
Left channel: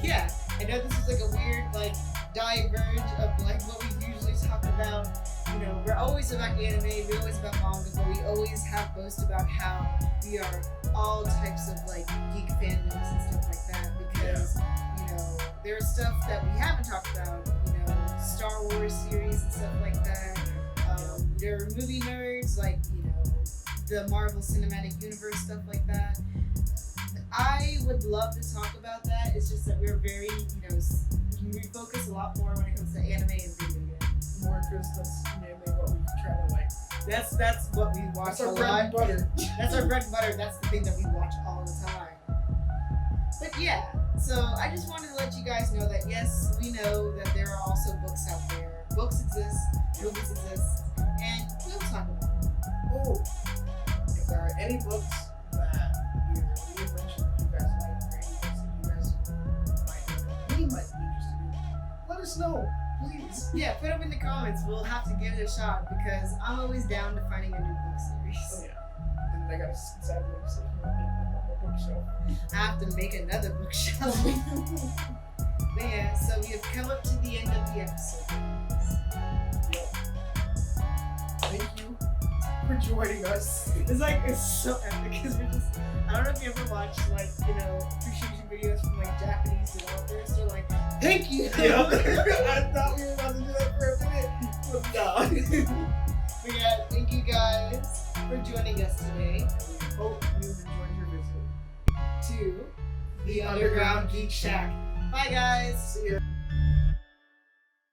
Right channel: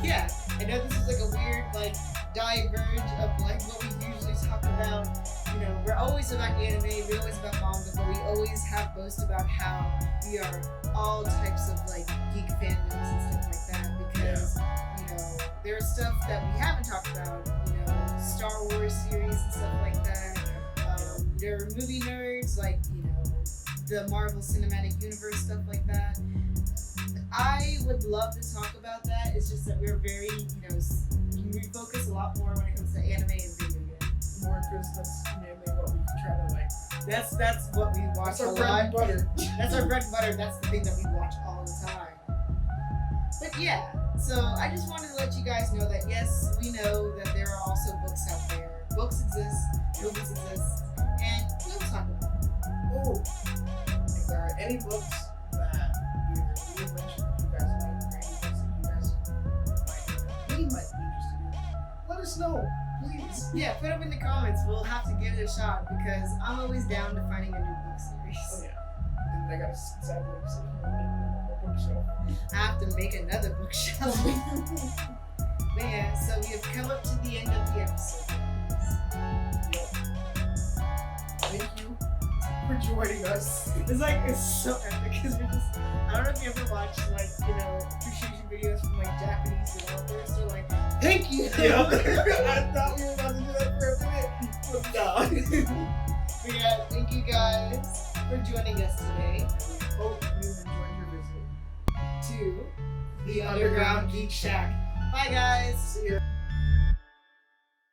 yeah, I know this is like a weird like diverge of like what we usually talk about. You know, we're always about anime, we're always about manga, but we always have boast about how we are all types of like geek fandoms and stuff like that, because you know, there's stuff that we haven't talked about, you know, Star Wars series and stuff like that. There are movie nerds, like, you know, the Marvel Cinematic Universe, stuff like that. I would love to talk about that. It's just that we're very, you know, we focus a lot more when it comes to anime and video games. More because that's mainly what we try to like. That's what we watch That's our a bread lot. and butter. That's our bread and butter. That's the thing that we watch all the time. But yeah, so I just wanted to let you guys know that yes, we know that there are also books out there. Books exist, movies exist, and we'll talk about them. Oh, if there are any books that either we have mentioned that you guys like, or any books that you guys might know that we might be interested in, let us know, please. Yeah, put them in the comments. We'll have to give it a shot because I'm always down to finding a new book series. Oh yeah. And I gotta sadly sit here and make one more bookshelf. I have to make another bookshelf. But yeah, so we have come up to the end of the episode. Yep. Thank you for joining us. It's like, it's so epic because we're just, I don't know if you ever watched like, you know, appreciation videos from like Japanese developers. They're like, thank you. Yeah. I thought we were about to do that for a minute, but no. But yeah, thank you guys for joining us today. And we hope you enjoyed your visit To the Underground Geek Shack. Bye guys. See ya.